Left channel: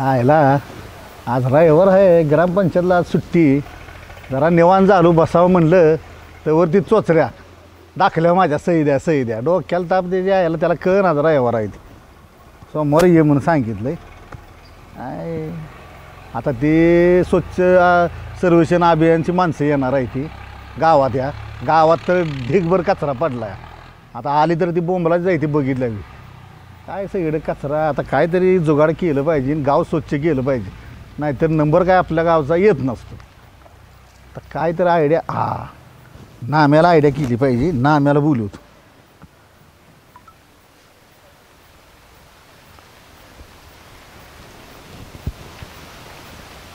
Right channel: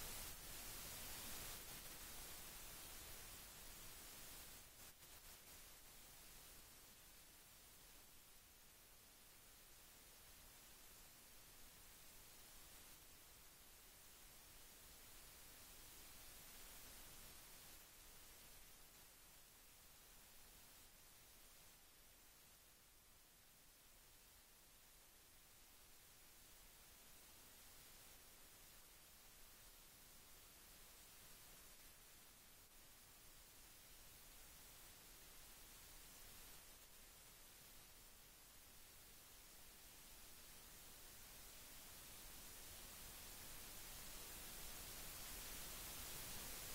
आयला आज रविवार आहे, ग्रामपंचायतला आज सुट्टी. जरा निवांत झालो बसावं म्हणलं तर वरती चोचऱ्या दाखल्या माझ्या सही द्या डोक्याला ताप द्यायची यायला त्याला कळ ना रविवार आहे ती. सोमवार ये म्हणून सांगितलं आहे. आता ते स्वच्छ सर्वेक्षण अभियानची माणसं येणार आहे ती गावात. या गावात तर ढीगभर कचरा पडला आहे. आता आली तर ती बोंबलाच जायची बघितल्या मी. काय सगळीकडे कचरा. आता काहीतरी जुगाड केलं पाहिजे, गाव स्वच्छ केलं पाहिजे, नाहीतर नंबर काय आपल्या गावचा येत नसतो. तर काहीतरी आयडिया नाम्याला आयडिया केली पाहिजे. नाम्याला बोलवतो.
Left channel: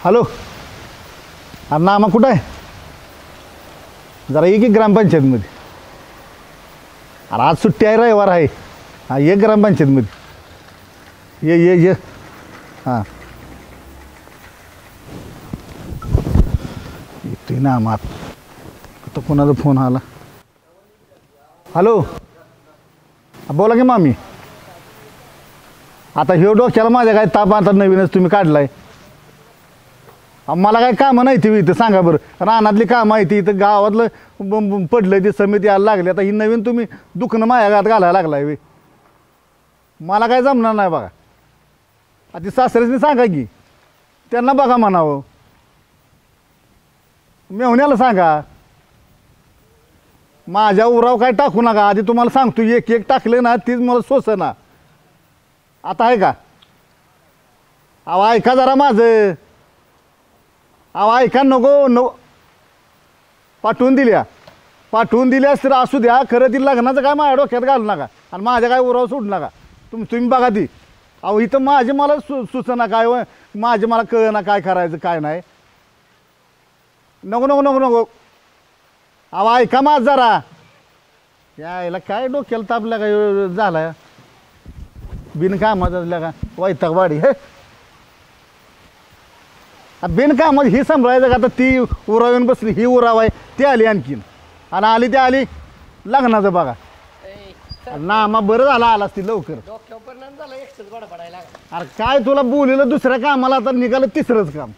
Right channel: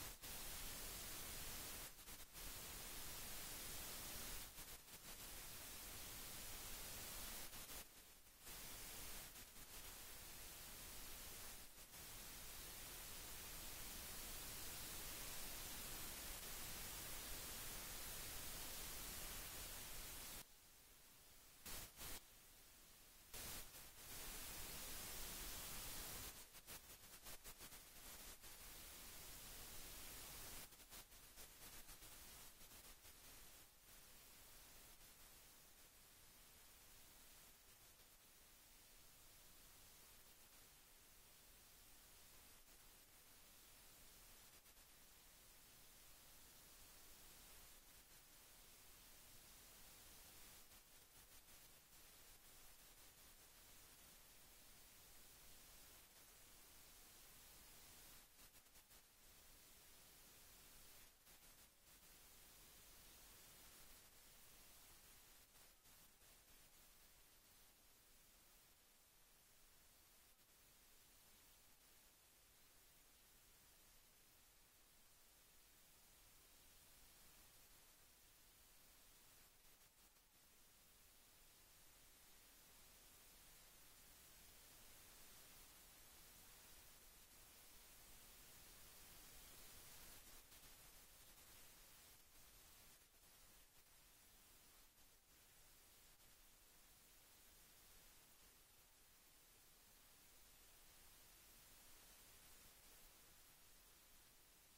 हॅलो, अरे नामा कुठं आहे? जरा ये की ग्रामपंचायतमध्ये. अरे आज सुट्टी आहे, रविवार आहे. हां ये ग्रामपंचायतमध्ये. ये हां येतोय ना मात. आता कोणाचा फोन आला? हॅलो, बोला की मामी. आता ह्यो डोक्याला माझ्या काय ताप आता नवीनच तुम्ही काढलाय. मला काय कामं नाही ती इथं सांगा बरं. रानातली कामं आहे ती इथं गावातलं पडलं ती समिती यायला लागली. आता ही नवीन तुम्ही दुखणं माझ्या गात घालायला लागलाय वे. मला काय जमणार नाही बघा. ती सासऱ्याने सांगा की त्यांना बघा म्हणावं. मेहुण्याला सांगा. माझ्या उराव काय टाकू नका. आधी तुम्हाला सांगतो एक एक टाकले ना तीच मला सोसना. आता आहे का? अहो ऐका जरा माझं. अहो ऐका नको पाठवून दिल्यास तर असू द्या. खरं ती लग्नाचं काय माझ्या डोक्यात घालू नका आणि माझ्या काय उराव सोडू नका. तुम्ही बघा ती. अहो इथं मला सुचना काय मला कळना काय करायचं काय नाही. नको अहो ऐका माझ जरा. यायला काय डोक्याला तापल्या का झालाय बिनकामाचा का वैताग वाडी. हे बिनकामात ही सांभाळायचं का? आता ती उरावून बसली, ही उराव आहे, ती आली आणखीन आणि आली लग्नाचं बघा. नामा बरं झाला आलास ती लवकर. अरे काय तुला बोललेलं दुसऱ्या कामाला आता निघालं तिसरंच काम.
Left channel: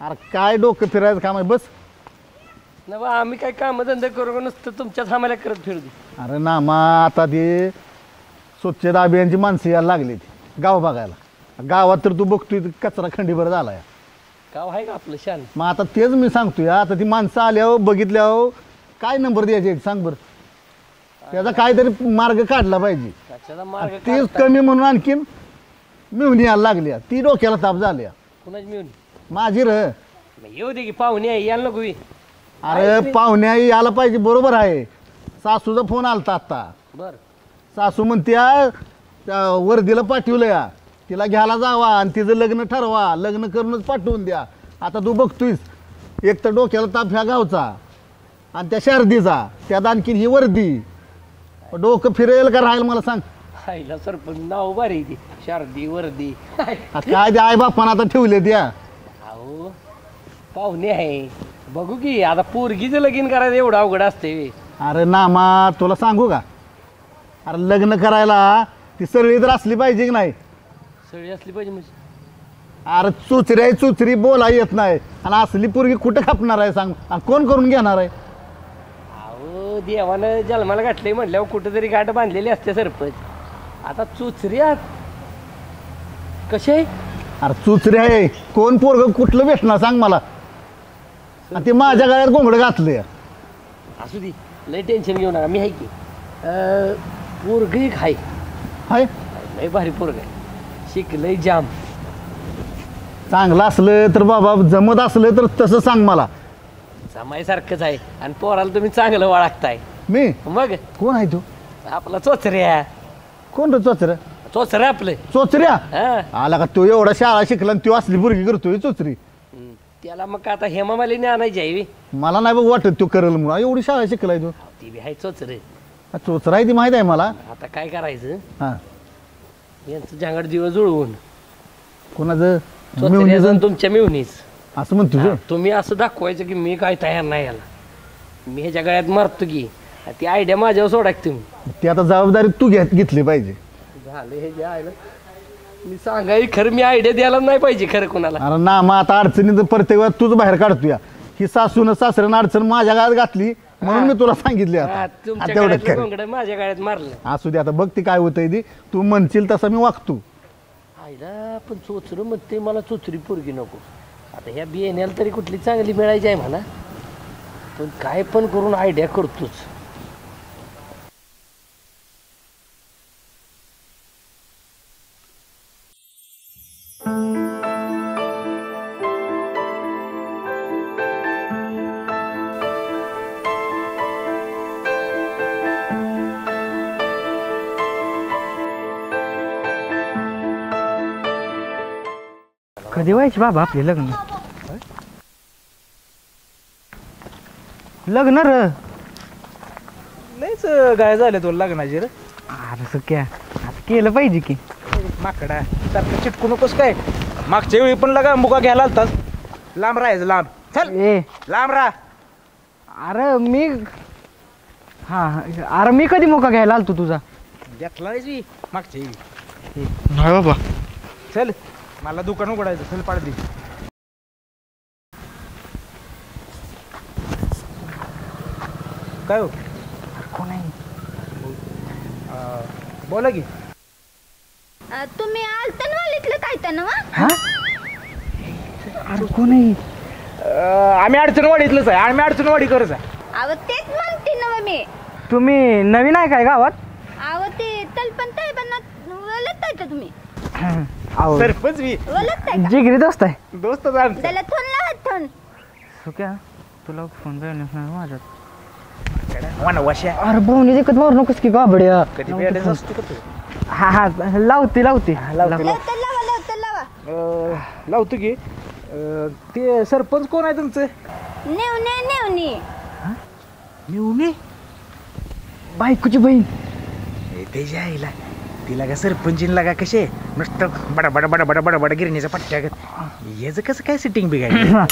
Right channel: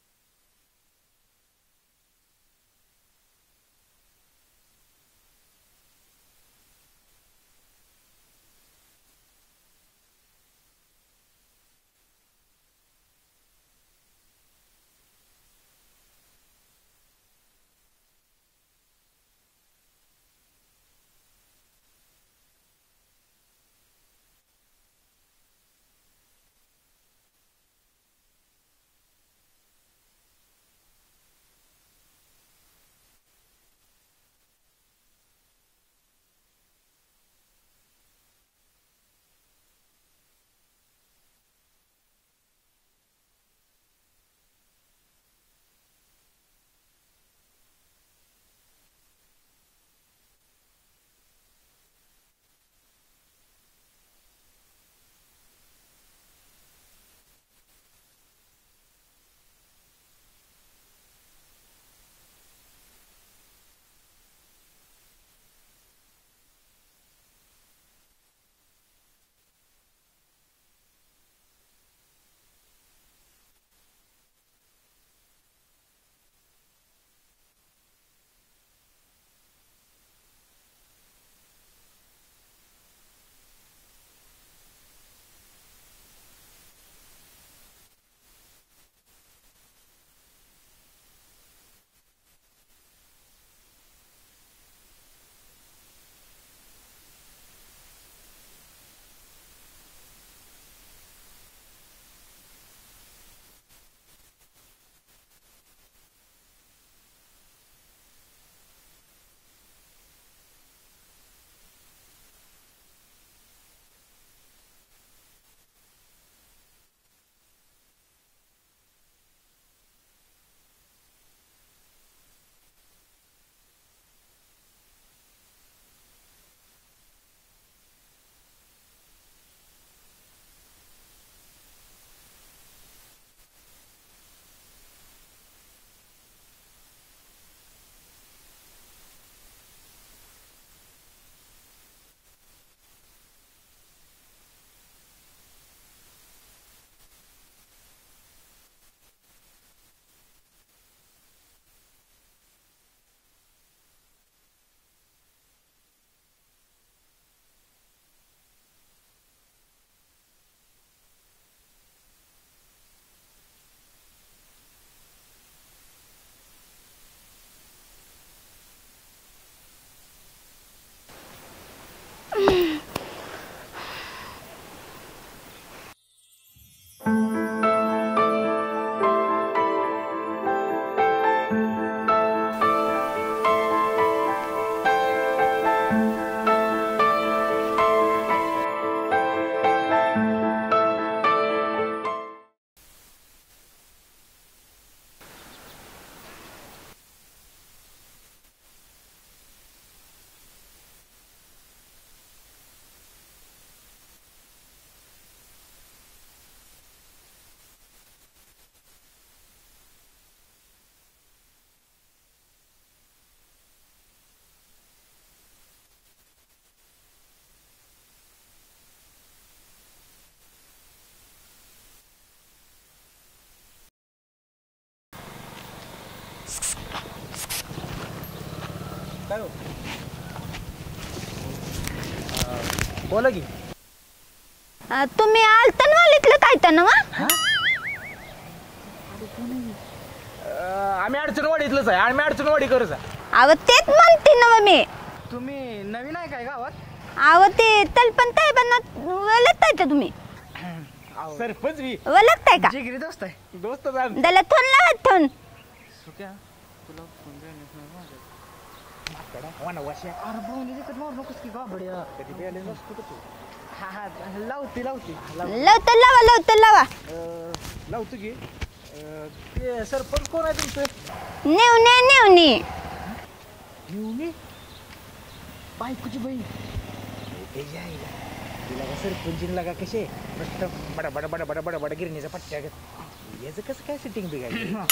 अरे काय डोकं फिरायचं काम आहे बस. आम्ही काय काम धंदा करू नसतं तुमच्याच आम्हाला करत फिरू दे. अरे नामा आता ते स्वच्छता अभियानची माणसं यायला लागली ती गाव बघायला. गावात तर तू बघतोय कचरा खंडीभर झाला. गाव आहे का आपलं शान? मग आता तेच मी सांगतोय. आता ती माणसं आल्यावर बघितल्यावर काय नंबर द्यायचे सांग बरं. त्याचा काहीतरी मार्ग काढला पाहिजे. तीच कमी म्हणून आणखीन मिळून यायला लागल्या. ती डोक्याला ताप झाल्या. कुणाची मिळून? माझी र. येऊ दे की पाहुणे यायला नको. अरे पाहुण्या यायला पाहिजे. बरोबर आहे. सासूचा फोन आलता आता. बर सासू म्हणत्या वर्दीला पाठवलं या, तिला घ्यायला जावा आणि तिचं लग्न ठरवा. लग्न करूनच पाठवून द्या. आता तू बघतोयस एक तर डोक्याला ताप ह्या गावचा आणि त्या शारदीचा, त्यात आणखीन ही वर्दी. डोकं फिरेल का राहील मला सांग. आईला सरपंच नाव भारी ती शारदी वर्दी. काय ते आई बापानं आता ठेवले त्या. अहो पाहुणे आहे बघू की. आता पोरगीचं लगीन करायचं एवढं अवघड असते. अरे नामा तुला सांगू का? अरे लग्न करायला ती सगळी तर असली पाहिजे की नाही? सगळी असली पाहिजे म्हणजे? अरे चुचरी बोला येत नाही आणि असली पोरगी कुठं खापणार आहे सांग? आणि कोण करून घेणार आहे? अहो देवानं जन्माला गाठले म्हटल्यावर कुठं तरी गाठ बांधलेली असते सरपंच. आता चुचऱ्या कसे आहे? अरे चुचरी आहे. कोण पोरग कुठलं भेटणार सांग मला? आणि ते माझ्या गळ्यात घोंगडं घातले. असू दे लय टेन्शन घेऊ नका. मी आहे की पोरग एक आहे. हाय लय भारी पोरग आहे. शिकलंय जाम. चांगलं असलं तर बाबा, जमत असलं तर तसं सांग मला. जमायसारखंच आहे आणि पोराला तुम्ही चांगलं ओळखताय. मी मग कोण आहे तू? आपला चोचऱ्या. कोण रे चोचऱ्या? चोचऱ्या आपलं. चोचऱ्या हा आला का? तो एवढा शाळा शिकला आणि तो असली बुरगी करतोय चोचरी. त्याला मग आता हेमामालिनी आणायची आहे. मला नाही बघ वाटत तो करेल म्हणून. एवढी शाळा शिकलाय तू. ती बी आहे चोचरे. चोचरा आहे ती माहित आहे मला. आता काय करायचं? हा यांचं जांगड दिवस जुळवून कोणाचं? चोचऱ्याचं तुमच्या मिळूनीच असं म्हणतो तुझं. तुम्ही असं दाखवायचं की मी काय तयार नाही याला. मी ह्याच्या गळ्यात मारतो की. ती आयडिया माझ्यावर सोडा की तुम्ही. ती आता जबाबदारी तू घेतली पाहिजे. झालं हे जे आहे ना मी सांगाय खरं मी आयडिया द्यायला नाही पाहिजे खरं कोणाला. अरे ना मग आता अडचणीत प्रत्येक वेळा तूच बाहेर काढतोय ही सासून सासऱ्यानं अडचण माझ्या गावात घातली म्हणून मी तुला सांगितले हा, आता तुमच्या आता एवढंच गळ्यातलं कर. घोंगडं माझ्या गळ्यात मारलं. असू दे आता बघ ती काय होतंय ती तू म्हणशील तसं मी वागतो. आईला पण चोचरं म्हणते मला चोचरी पोरगी नको. आता ह्या बियाण्याला तरी कुठली चांगली मिळायची आहे म्हणा, पण काय पण करून आयडिया करतोच. कधी व्हायचे बाबा आपले लग्न? लग्न र लयच गाय झाले तो लग्नाची रे. अरे सख्या आता केलं पाहिजे की. माकडा सारखं चिटकू नकोस काय. मागच्या वेळी पण लगा मुका घ्यायला आलतास. लांब राहायचं लांब. चल ए लांब राहा. अरे मी हा अरे मी कधी मोका घ्यायला आलतो तुझा? घेतला नाही मागच्या वेळी. नाही बाबा. चल मला दुकान उघडायचं. चल पाड दे. काय हो कोण आहे? बोला की. तुम्ही आलतन वालीतलं काय तर ना हा अरे कोण आहे? आम्ही अडचणवाडीतलंच आहे. आम्ही अडचणवाडी करत आहे. अव तेच म्हणते ना मी. तुम्ही नवीन आहे काय गावात? अव ते तलपण ताय पण वलगताय का तुम्ही? अहो, सरपंच मी वलगताय का? जिगरी दोस्त आहे. दोस्त जाण. त्याला थोन लावा थोन. सुक्या तुला फोन जाईल माझ्यात. वशा अरे बोनी देखत मारू नकोस की बाबड्या. कधी भेटायचं असतो का तू? हा हा लावते लावते. लवकर लावा लवकर लावा. लावतो की. ते सरपंच कोण आहे तुमचं? नेवणे नेवणे. निवणे. बायकोची बहीण. त्याच्या आईला तिला का सरपंचीला का कसे नुसतं बडा बडा बडा बडा बडा बडा गिरणीचा पट्ट्या याचं कसं काय सेटिंग बिघाडली? हा?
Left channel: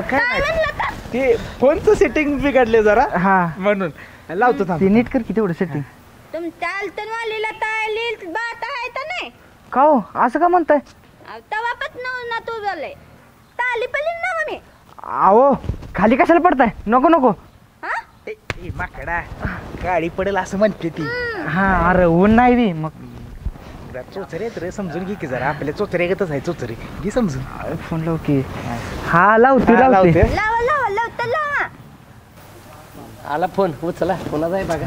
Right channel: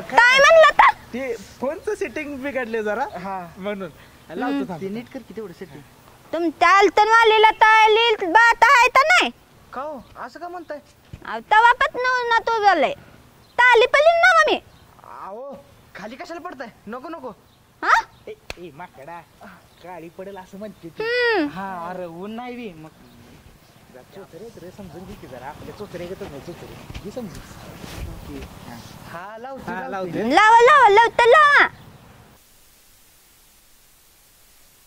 काय म्हणलं तर? ते फोनचं सेटिंग बिघडले जरा हा म्हणून लावतो थांब. ते नीट कर की तेवढं सेटिंग. तुमच्या आलतन वालीला तायली बात आहे तर नाही? का हो असं का म्हणताय? तवापासून ना तू झालंय. ताली पली ना मी. अहो खाली कशाला पडताय? नको नको. हा? ए माकडा गाडी पडेल असं म्हणते ती. हा अरे ऊन नाही बी मग. चोचरे आहेत रे समजून घे की जरा. आपल्या चोचरेगतच आहे चोचरे. घे समजून. फोन लाव की. हा लावते हा, लावते. लावते. लावा लावा लवकर लावा. आला फोन उचला. कोणाचा आहे बघा.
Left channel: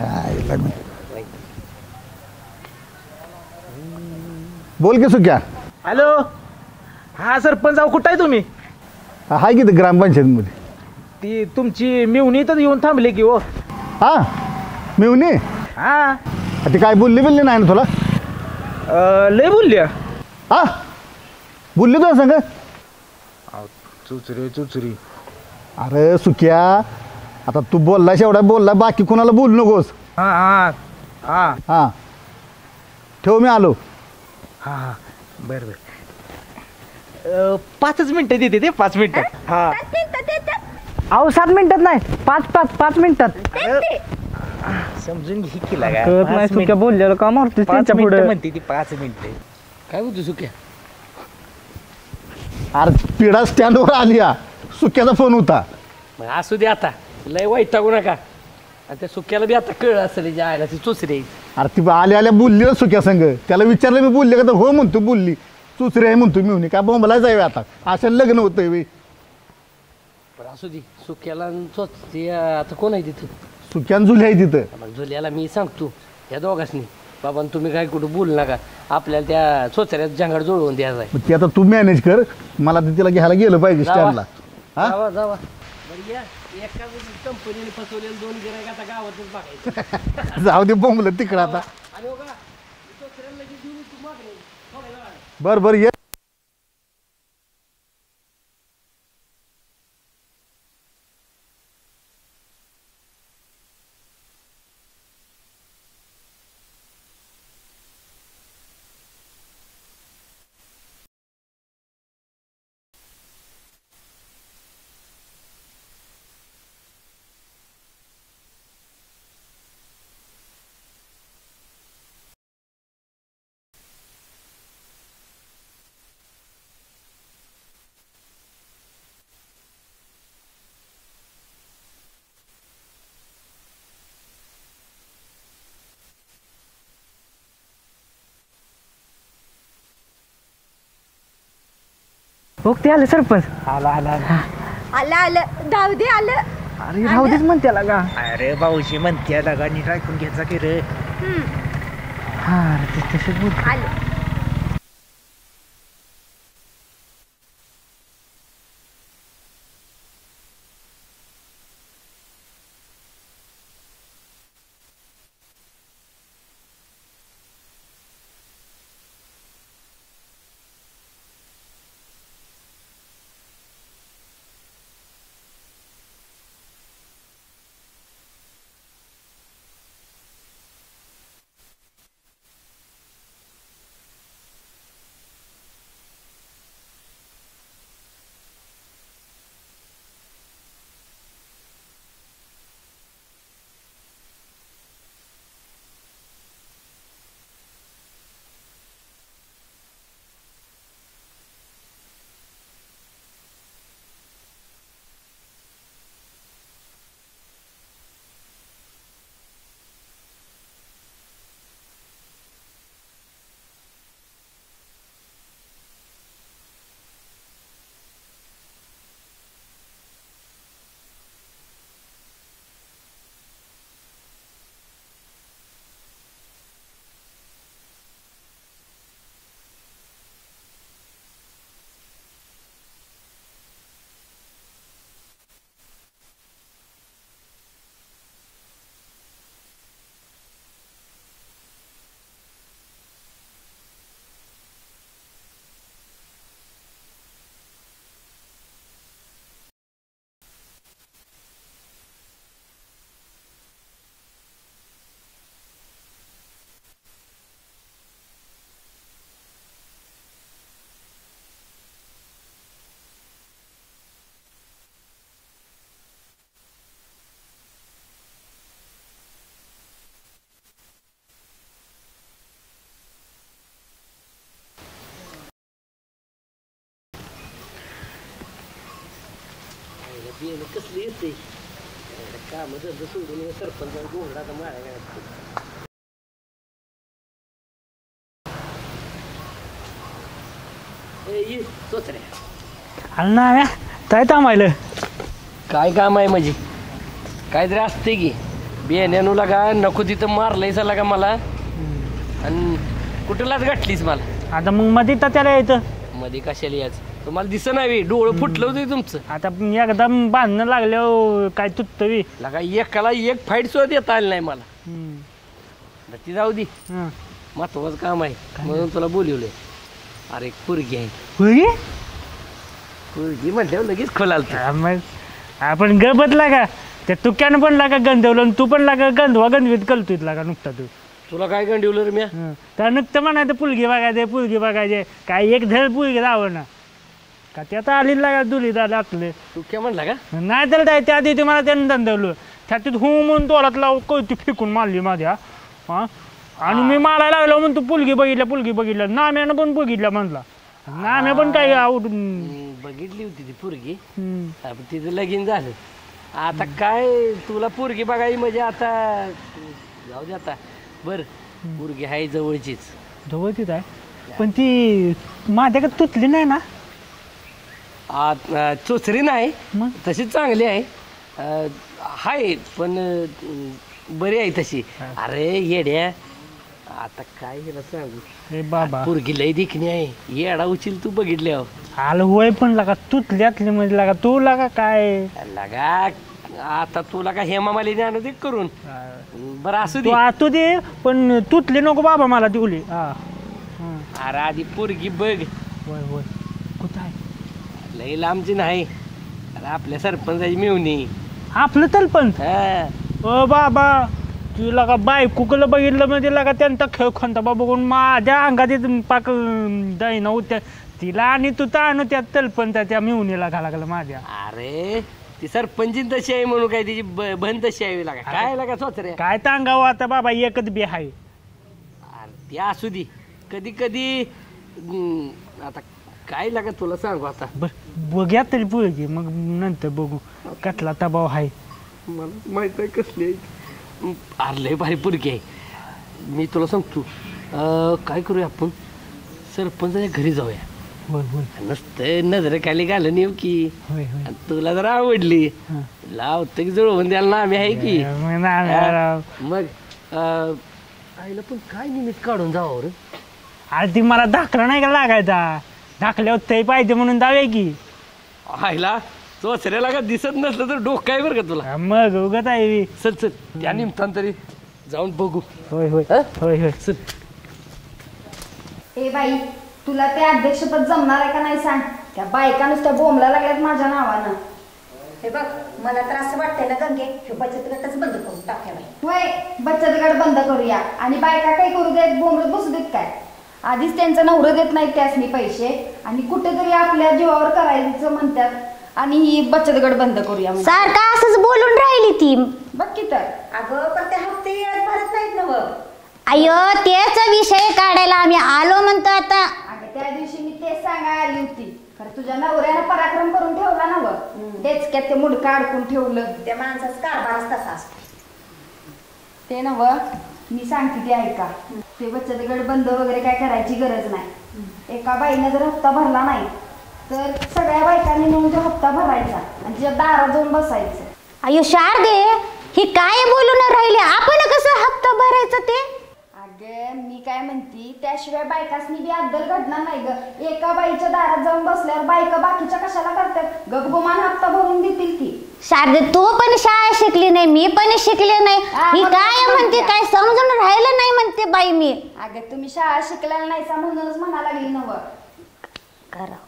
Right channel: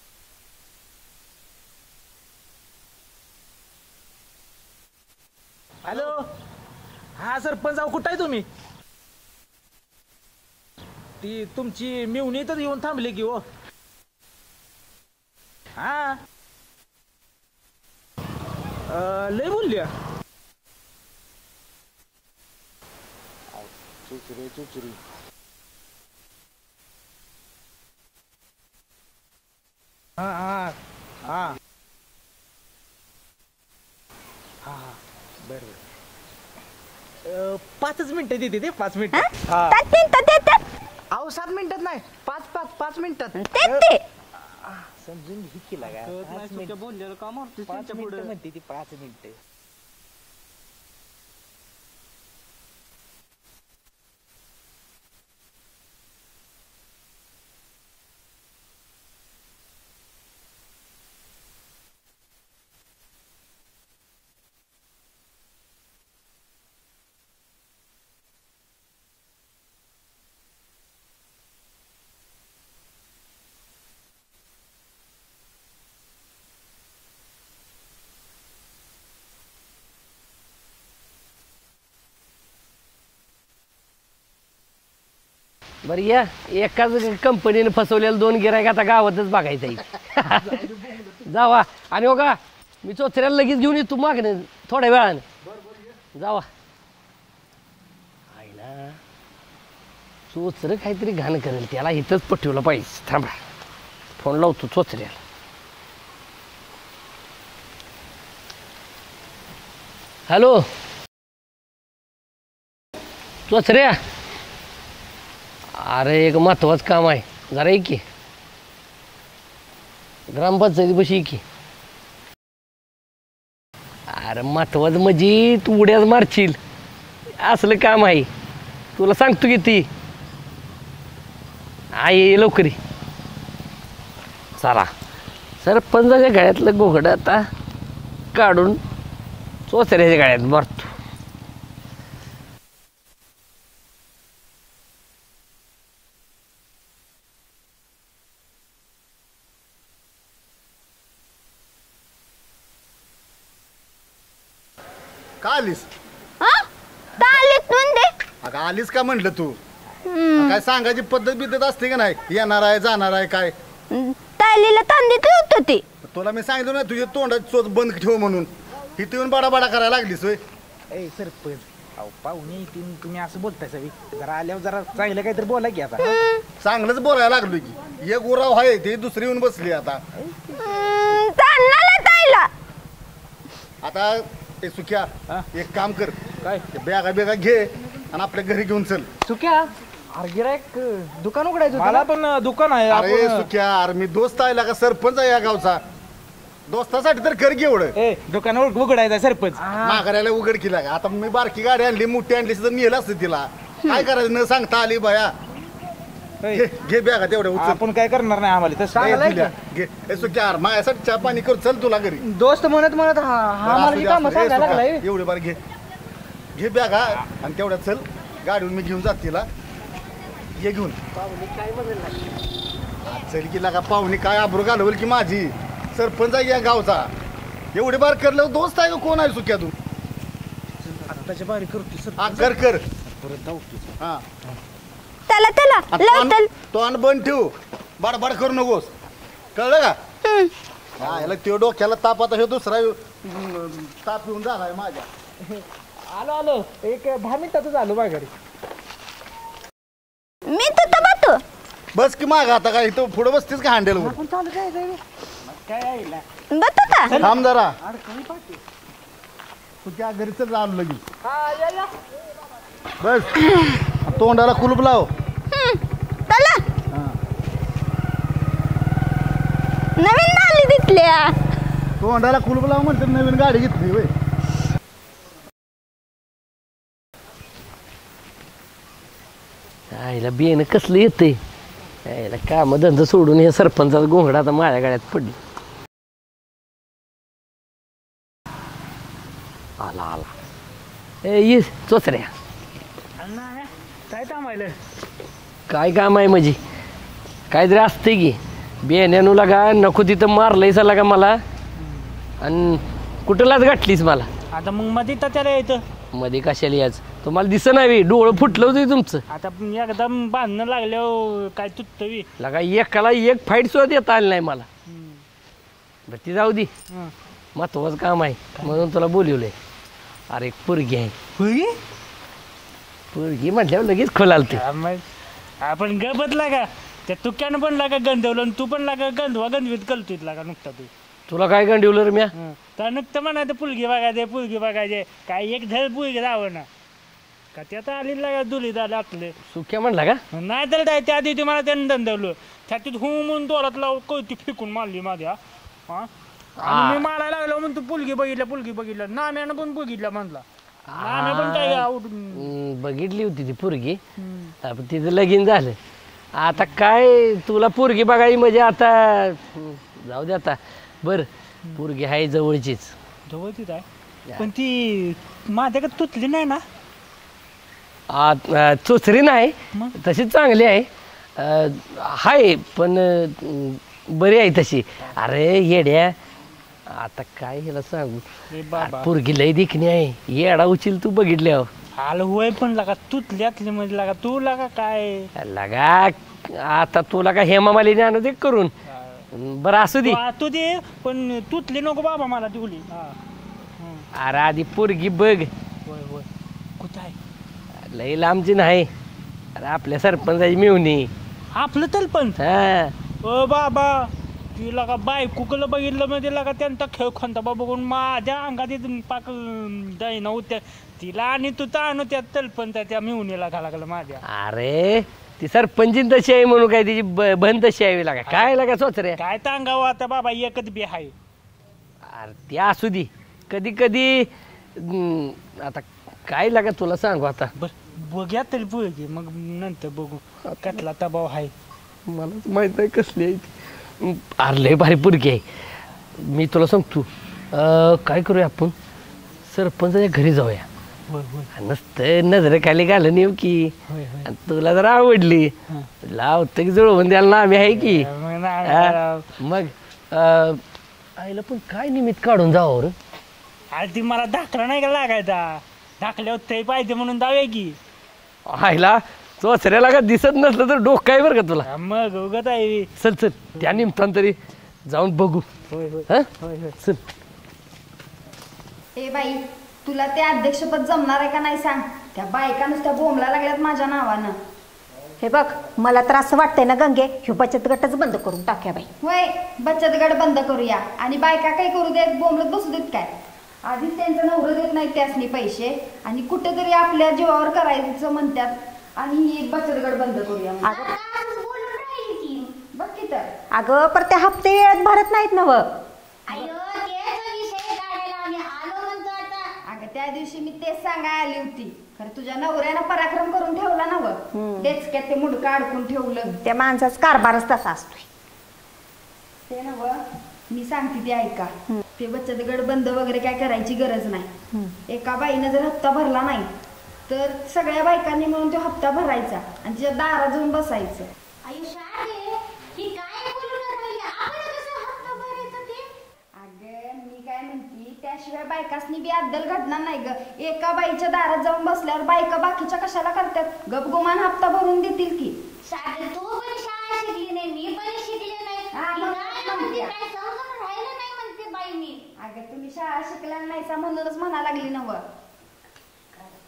बोल की सुक्या. हॅलो. हा सरपंच आहो कुठं आहे तुम्ही? हाय की ग्रामपंचायतमध्ये. ती तुमची मिवणी तर येऊन थांबले की हो. हा मिवनी हा ती काय बोलली बिल्ली नाही ना तुला? लय बोलल्या. हा बोलली तुला सांग. चुचरी चुचरी. अरे सुक्या आता तू बोललास एवढा बोलला बाकी कुणाला बोलू नकोस. हा हा हा हां ठेव मी आलो. हा बरं बरं. 5 मिनिटं देते ते 5 मिनिटं. हा त्यात मिनिटं देतात. अहो 7 मिनिटात नाही 5 मिनिटात. ते समजून घे की लागा. कळत नाही सुक्या बोललेलं का मारतोस 5 त्यांच्या मिनिटं पुढे. म्हणते ती 5 मिनिटं. काय म्हणतो सुक्या? अरे पिढा स्टँडवर आली या सुक्याचा फोन होता. मग असू दे आता. लय वैतागू नका. आणि त्या सुक्याला बी आता कळ असेल जे आहे ती चोचरी आहे. अरे ती आल्या आल्या बोलली ना सुक्या संघ. त्याला विचारलं मी बोलले का तर हो म्हणतो बोलली. सुसरी आहे म्हणतो मी काय बोंबला जावे आता असं लग्न होतंय वे. पण असू दे सुक्याला आणि चोचरी आता कोण आहे तिथं? सुक्यान जुली आहे तिथं. मग जुल्याला मी सांगतो या दोघांनी बाबा तुम्ही काय कुठं बोलू नका. आपल्याला त्या चोचऱ्यात जंगाड जुळवून द्यायचा आहे. मग ती आता तू मॅनेज कर. मला तर तिला घ्यायला गेलं पाहिजे जावा. स्टँडला. हा जावा जावा. बरं या एकाच कंपनीने फसवलेलं 2 गिरायक आता गावातच बघायचं. जाऊ दे बोंबलं तिकडं जावा. आता. आणि हो का मी चोचऱ्याला लगेच घेऊन येतो मागणे थोड्या वेळाने. बरं बरं ये. जावा. आईला चोचरं काहीतरी घाण करेल त्याला इथंच पटवलं पाहिजे. थांबा फोन लावतो चोचऱ्याला. हॅलो चोचऱ्या. अरे एक महत्वाचं काम आहे जरा ये की. ग्रामपंचायती बशी की. अरे महत्वाचं म्हणजे तू उड्याच मारशील असलं काम आहे. तुला सांगतो की ती आई ये लवकरी. चला सरपंचाच्या गळ्यातलं घोगडं आता काढून चोचऱ्याच्या गळ्यात मारतो. हो ते आलं सरपंच. आला आला आला. आलं आलं जाऊ दे आलं. अरे राहू देच म्हणते त्याला का. अरे भाऊजी म्हणते लगा नीट ऐकून घ्यायचा की रे. हा ते तसंच बोल. आलं. का आलीस? हा तालीत म्हणते. अगं आलीस का म्हटलं तू? काय सांगायची पद्धत बिद्धत असते का नाही? येणार आहे जाणार आहे काय? तालीला तांदीत होत ती. तुला मी सांगितलं ना तुझ्या तोंडाची चोच बंद ठेव म्हणून. इथे येऊन बाडा करायला लागलीस होय. ए सरपंच अहो पाहुणे तुम्ही असं बोलताय सवी. जरा आल्यावर जरा चांगलं काहीतरी बोला की आता. चांगलंच बोलायला लागलो की. एक उराव आहे ते दुसरी येऊन बसली आता. तानाला ताईला. आता ते सुख्या एक काम कर. काय बॅगा बेगा घे आणि आपल्या घरी घेऊन चल. चुक्या अरे गिरायक दुकान उघडायचं होतं मला ना? पण दुकान आहे. अरे आपण सुख्या अरे मी दोस्त आहे का सरपंच आहे या गावचा. दोस्तासाठी तर कर घे एवढं. ए दुकान उघडायचं सरपंच. माघाऱ्याला उघड केला आता मी बारकी गाडी आणली मोठी आणली तर नेलं असतं तिला. काय करायचं न सांगता आली बाया. घे बॅगा तेवढ्या उचल. आपण काय करणार नाही आम्हाला तसं. चांगलं आहे दिल्या. घे ए सुख्या अरे माझ्यासाठी चहा पाणी कर चल तुला घरी. दोस्त म्हणत म्हणत हा मला ही कामं सांगायला लागलाय. एवढे बार घे घे बॅगा आणि तेवढ्या चल गाडीवर मी घेऊन जात तिला. ये घेऊन चल की लागा पाहुणे काय आबरू घालवल की माझी. सरपंच आहे या गावचा. एवढे बार करलं दोस्त आहे का कोण आहे सुक्या तू? आत्ताच्या बारी करतो सर. हा कर कर परत जाऊ. हा त्याला त्याला लवतल. तोंड बंद ठेव. बडबड करू नकोस कळलं का? हा याला ते डोक्याला ताप आता हे दुसरा ताप येऊन झालाय माझ्या. आलो आलो एक 10 मिनिटातच आलो माघारी. मी तर बघतो. बस की माग आता काय इथं पुढे बसतीस का हँडेलवर? काय आहे बघतो का? थांब जरा तुझ्या घरी चल आलो लगेच. बस तोंडाला कुलूप लाव. चला नवीन आली तिथल्या. तोंडाला कुलूप लाव म्हणते नवीन गाडी घेतली होय. आईला बियाणं कसलं येतंय. आईला काम धंदा सोडून हे सरपंचाचा घोंगडा आता माझ्या गाड्यात पडली. आला आला. ए ये चोचऱ्या. अरे ना काय थांबायलं. काय काम आहे म्हणजे काहीतरी असते की. बियाण्यानं लागा नको तिथं मारलंय सा लागा मला. आणि कुठलाच गाठलीस मला. आता मग मध्ये तर त्याला येतं. मध्ये कशाला याच तुम्हाला दिसत नाही. डोळं फुटलं होतं तुमचं. आता एकदम बांधणं लागल्यावर काय तुटतं. लगा एकाला एक फाईट सुद्धा देता आली नाही मला. बरं ती जाऊ दे. महत्वाचं काम आहे म्हणून तुला बोलवलंय. अरे एक पोरगी आहे. पोरगी म्हटल्यावर लगेच खोलाल ते. मग आपण गपत लागा त्या तुक्यानं पण लागा गंधवलं आणि तू पण लागा गंधवा गंधवीत कलतोय लागा नुकता तू. तुला काय गंडवलं रे म्या. तर नुकतं म्हणायचं पुलगी बघायचे पुलगी बघायचे. काय एक धड पुलगी राहावं ना का त्यात आली लागा दुली झालं आपलं. सुख्या म्हणला का. नाही तर त्या आधी तुम्हाला त्यानं दंदवलं त्यातून हू म्हणून तोरात लाव कळती फेकून मारली माझ्या. हा आणि मी मारायला लागलो म्हणून तू पुलगी बघितलं नाम्यानं पण बघितलं म्हणला. नाम्या पण काय आवडून बघितली होती ती पोरगी. पण तिचं लगीन झालं. आता काय तुला पोरगी बघायची म्हणजे आता जाऊ दे आता. बरं पोरगी आहे जवळचीच. जवळचीच आहे पण ती माझ्याकडे तुटली नाही ना. चोचरी नाही मग? तशी चांगली आहे. हाय पण बरी आहे तशी. अरे येड्या आता काय हिला सांगू. रे बाबा पोरगी लय दिखणी आहे. येडा उचल तू बघितल्यावर. आलं होय पण लागा तुटल्यातली म्हणजे लागा तू लागा काय लगा आता तुला का हेमा मालिनी आणू दे करून. बरं असू दे. तू दे पण तुटली नको बाबा मला दिवली. अरे आधी पोरगी बघ. होय होय कुठं आहे. लई लांबची नाही. अरे आपल्या सरपंचाची मिळवणी. आपलं तर पण हा ओ बाबा तुला का बायकुकला बघितलं म्हणजे लागा त्यांचा खेळ खंता बघून माझ्या अंगात पाक दैना होत्या तिला आणि तू ताण त्या तलपण त्या मिळवणीला घाला लागलं माझ्या. अरे ती सरपंची तशी आहे म्हणून काय तिची बंद तशी आहे लागा काय लागा सोचऱ्या. काय सांगावं आता बाबा एकच बी आहे. अरे ती असू दे कधी कधी आता काय लागा तुला सांगू आता बघ्या तरी पोरगी मग नंतर बघू कसला दबाव आहे. मला माहित आहे कसली आहे ती. अरे लय भारी पोरगी आहे. मी तुला सांगतो काय करूया आपण सरपंचाच्या घरी जाऊया. होय होय नुसतं नजर खाली घालून येऊ की होय होय तुला जर आवडली हां. लावतं की जुळवून द्यायला ना आम्ही आहे की मग आईला पण काय निमित्त काढून जावं रे. अरे ती मला दाखला नाही का लागायचा दाखल्यावर ते पाहिजे म्हणून जाऊया की. आईला चोचऱ्याला का दिसत नसलं तर डोकं आहे बरं का तुला. मग उगत आहे. चल चल त्या निमित्तानं तरी जाऊन बघू. होय होय हा? होय होय चल. ए बाई तुला ते अध्यक्षपद जमणार आहे का नाही सांग. त्या बायका नुसत्या बोंबला लागल्यात माझ्या नावानं. हे बघ मला तर असं वाटतंय ना गंगे ह्यो बचत गटच बंद करून टाक्या बाई. होय बचत गट बंद करूया आणि बायका काही करू देत बोंबलत बसू देत काय. आधीच त्यांचं नवरं देत नाही त्यासनी पैसे आणि कुठेतरी आपल्या जीवावर करायचं म्हणतात आणि ही बचत गट बंद करूया म्हणतात. सारखा असंच बोलून राहिली ती. बघ की तर अगं पर ते हप्ते वेळेत भरत नाहीत ना. अय्यो तेच विषय काढायला आम्ही आलो म्हणतो आता. अगं त्या दिवशी मी तेच सांगायला आली होती खरं तुझ्या नवऱ्यानं पराक्रम करून ठेवला ना व डेचक्यात ते मुडकं अडकून ठेवलं. त्या माणसाचा कारभारच तसा असतोय. ते नव मी सांगते ते ऐका. ते बचत गट बंद वगैरे काय करायची गरज नाही. एका बाईनं जर हप्ता भरला नाही तर सगळ्या बायकांनी मिळून तो हप्ता भरायचा आणि तिच्या दारात जाऊन बसायचं. अय्यो शारदे ही काय बोलून राहिली आपण कसं हप्ता भरायचं ते. अगं मी काय म्हणती त्याशिवाय बायकासनी बी अद्दल घडणार नाही ग. एका बाईच्या दारात जाऊन बसल्यावर बायका बाकीच्या कशाला करतात गपगुमान हप्ता भरून देतील की. शारदे तू पण शाळा शिकली नाही मी पण शिकले नाही ही काय म्हणते काय समजून राहिलं नाही म्हणते बाई मी. अगं तुम्ही शाळा शिकलेला नाहीसा म्हणूनच म्हणा लागली नव. करा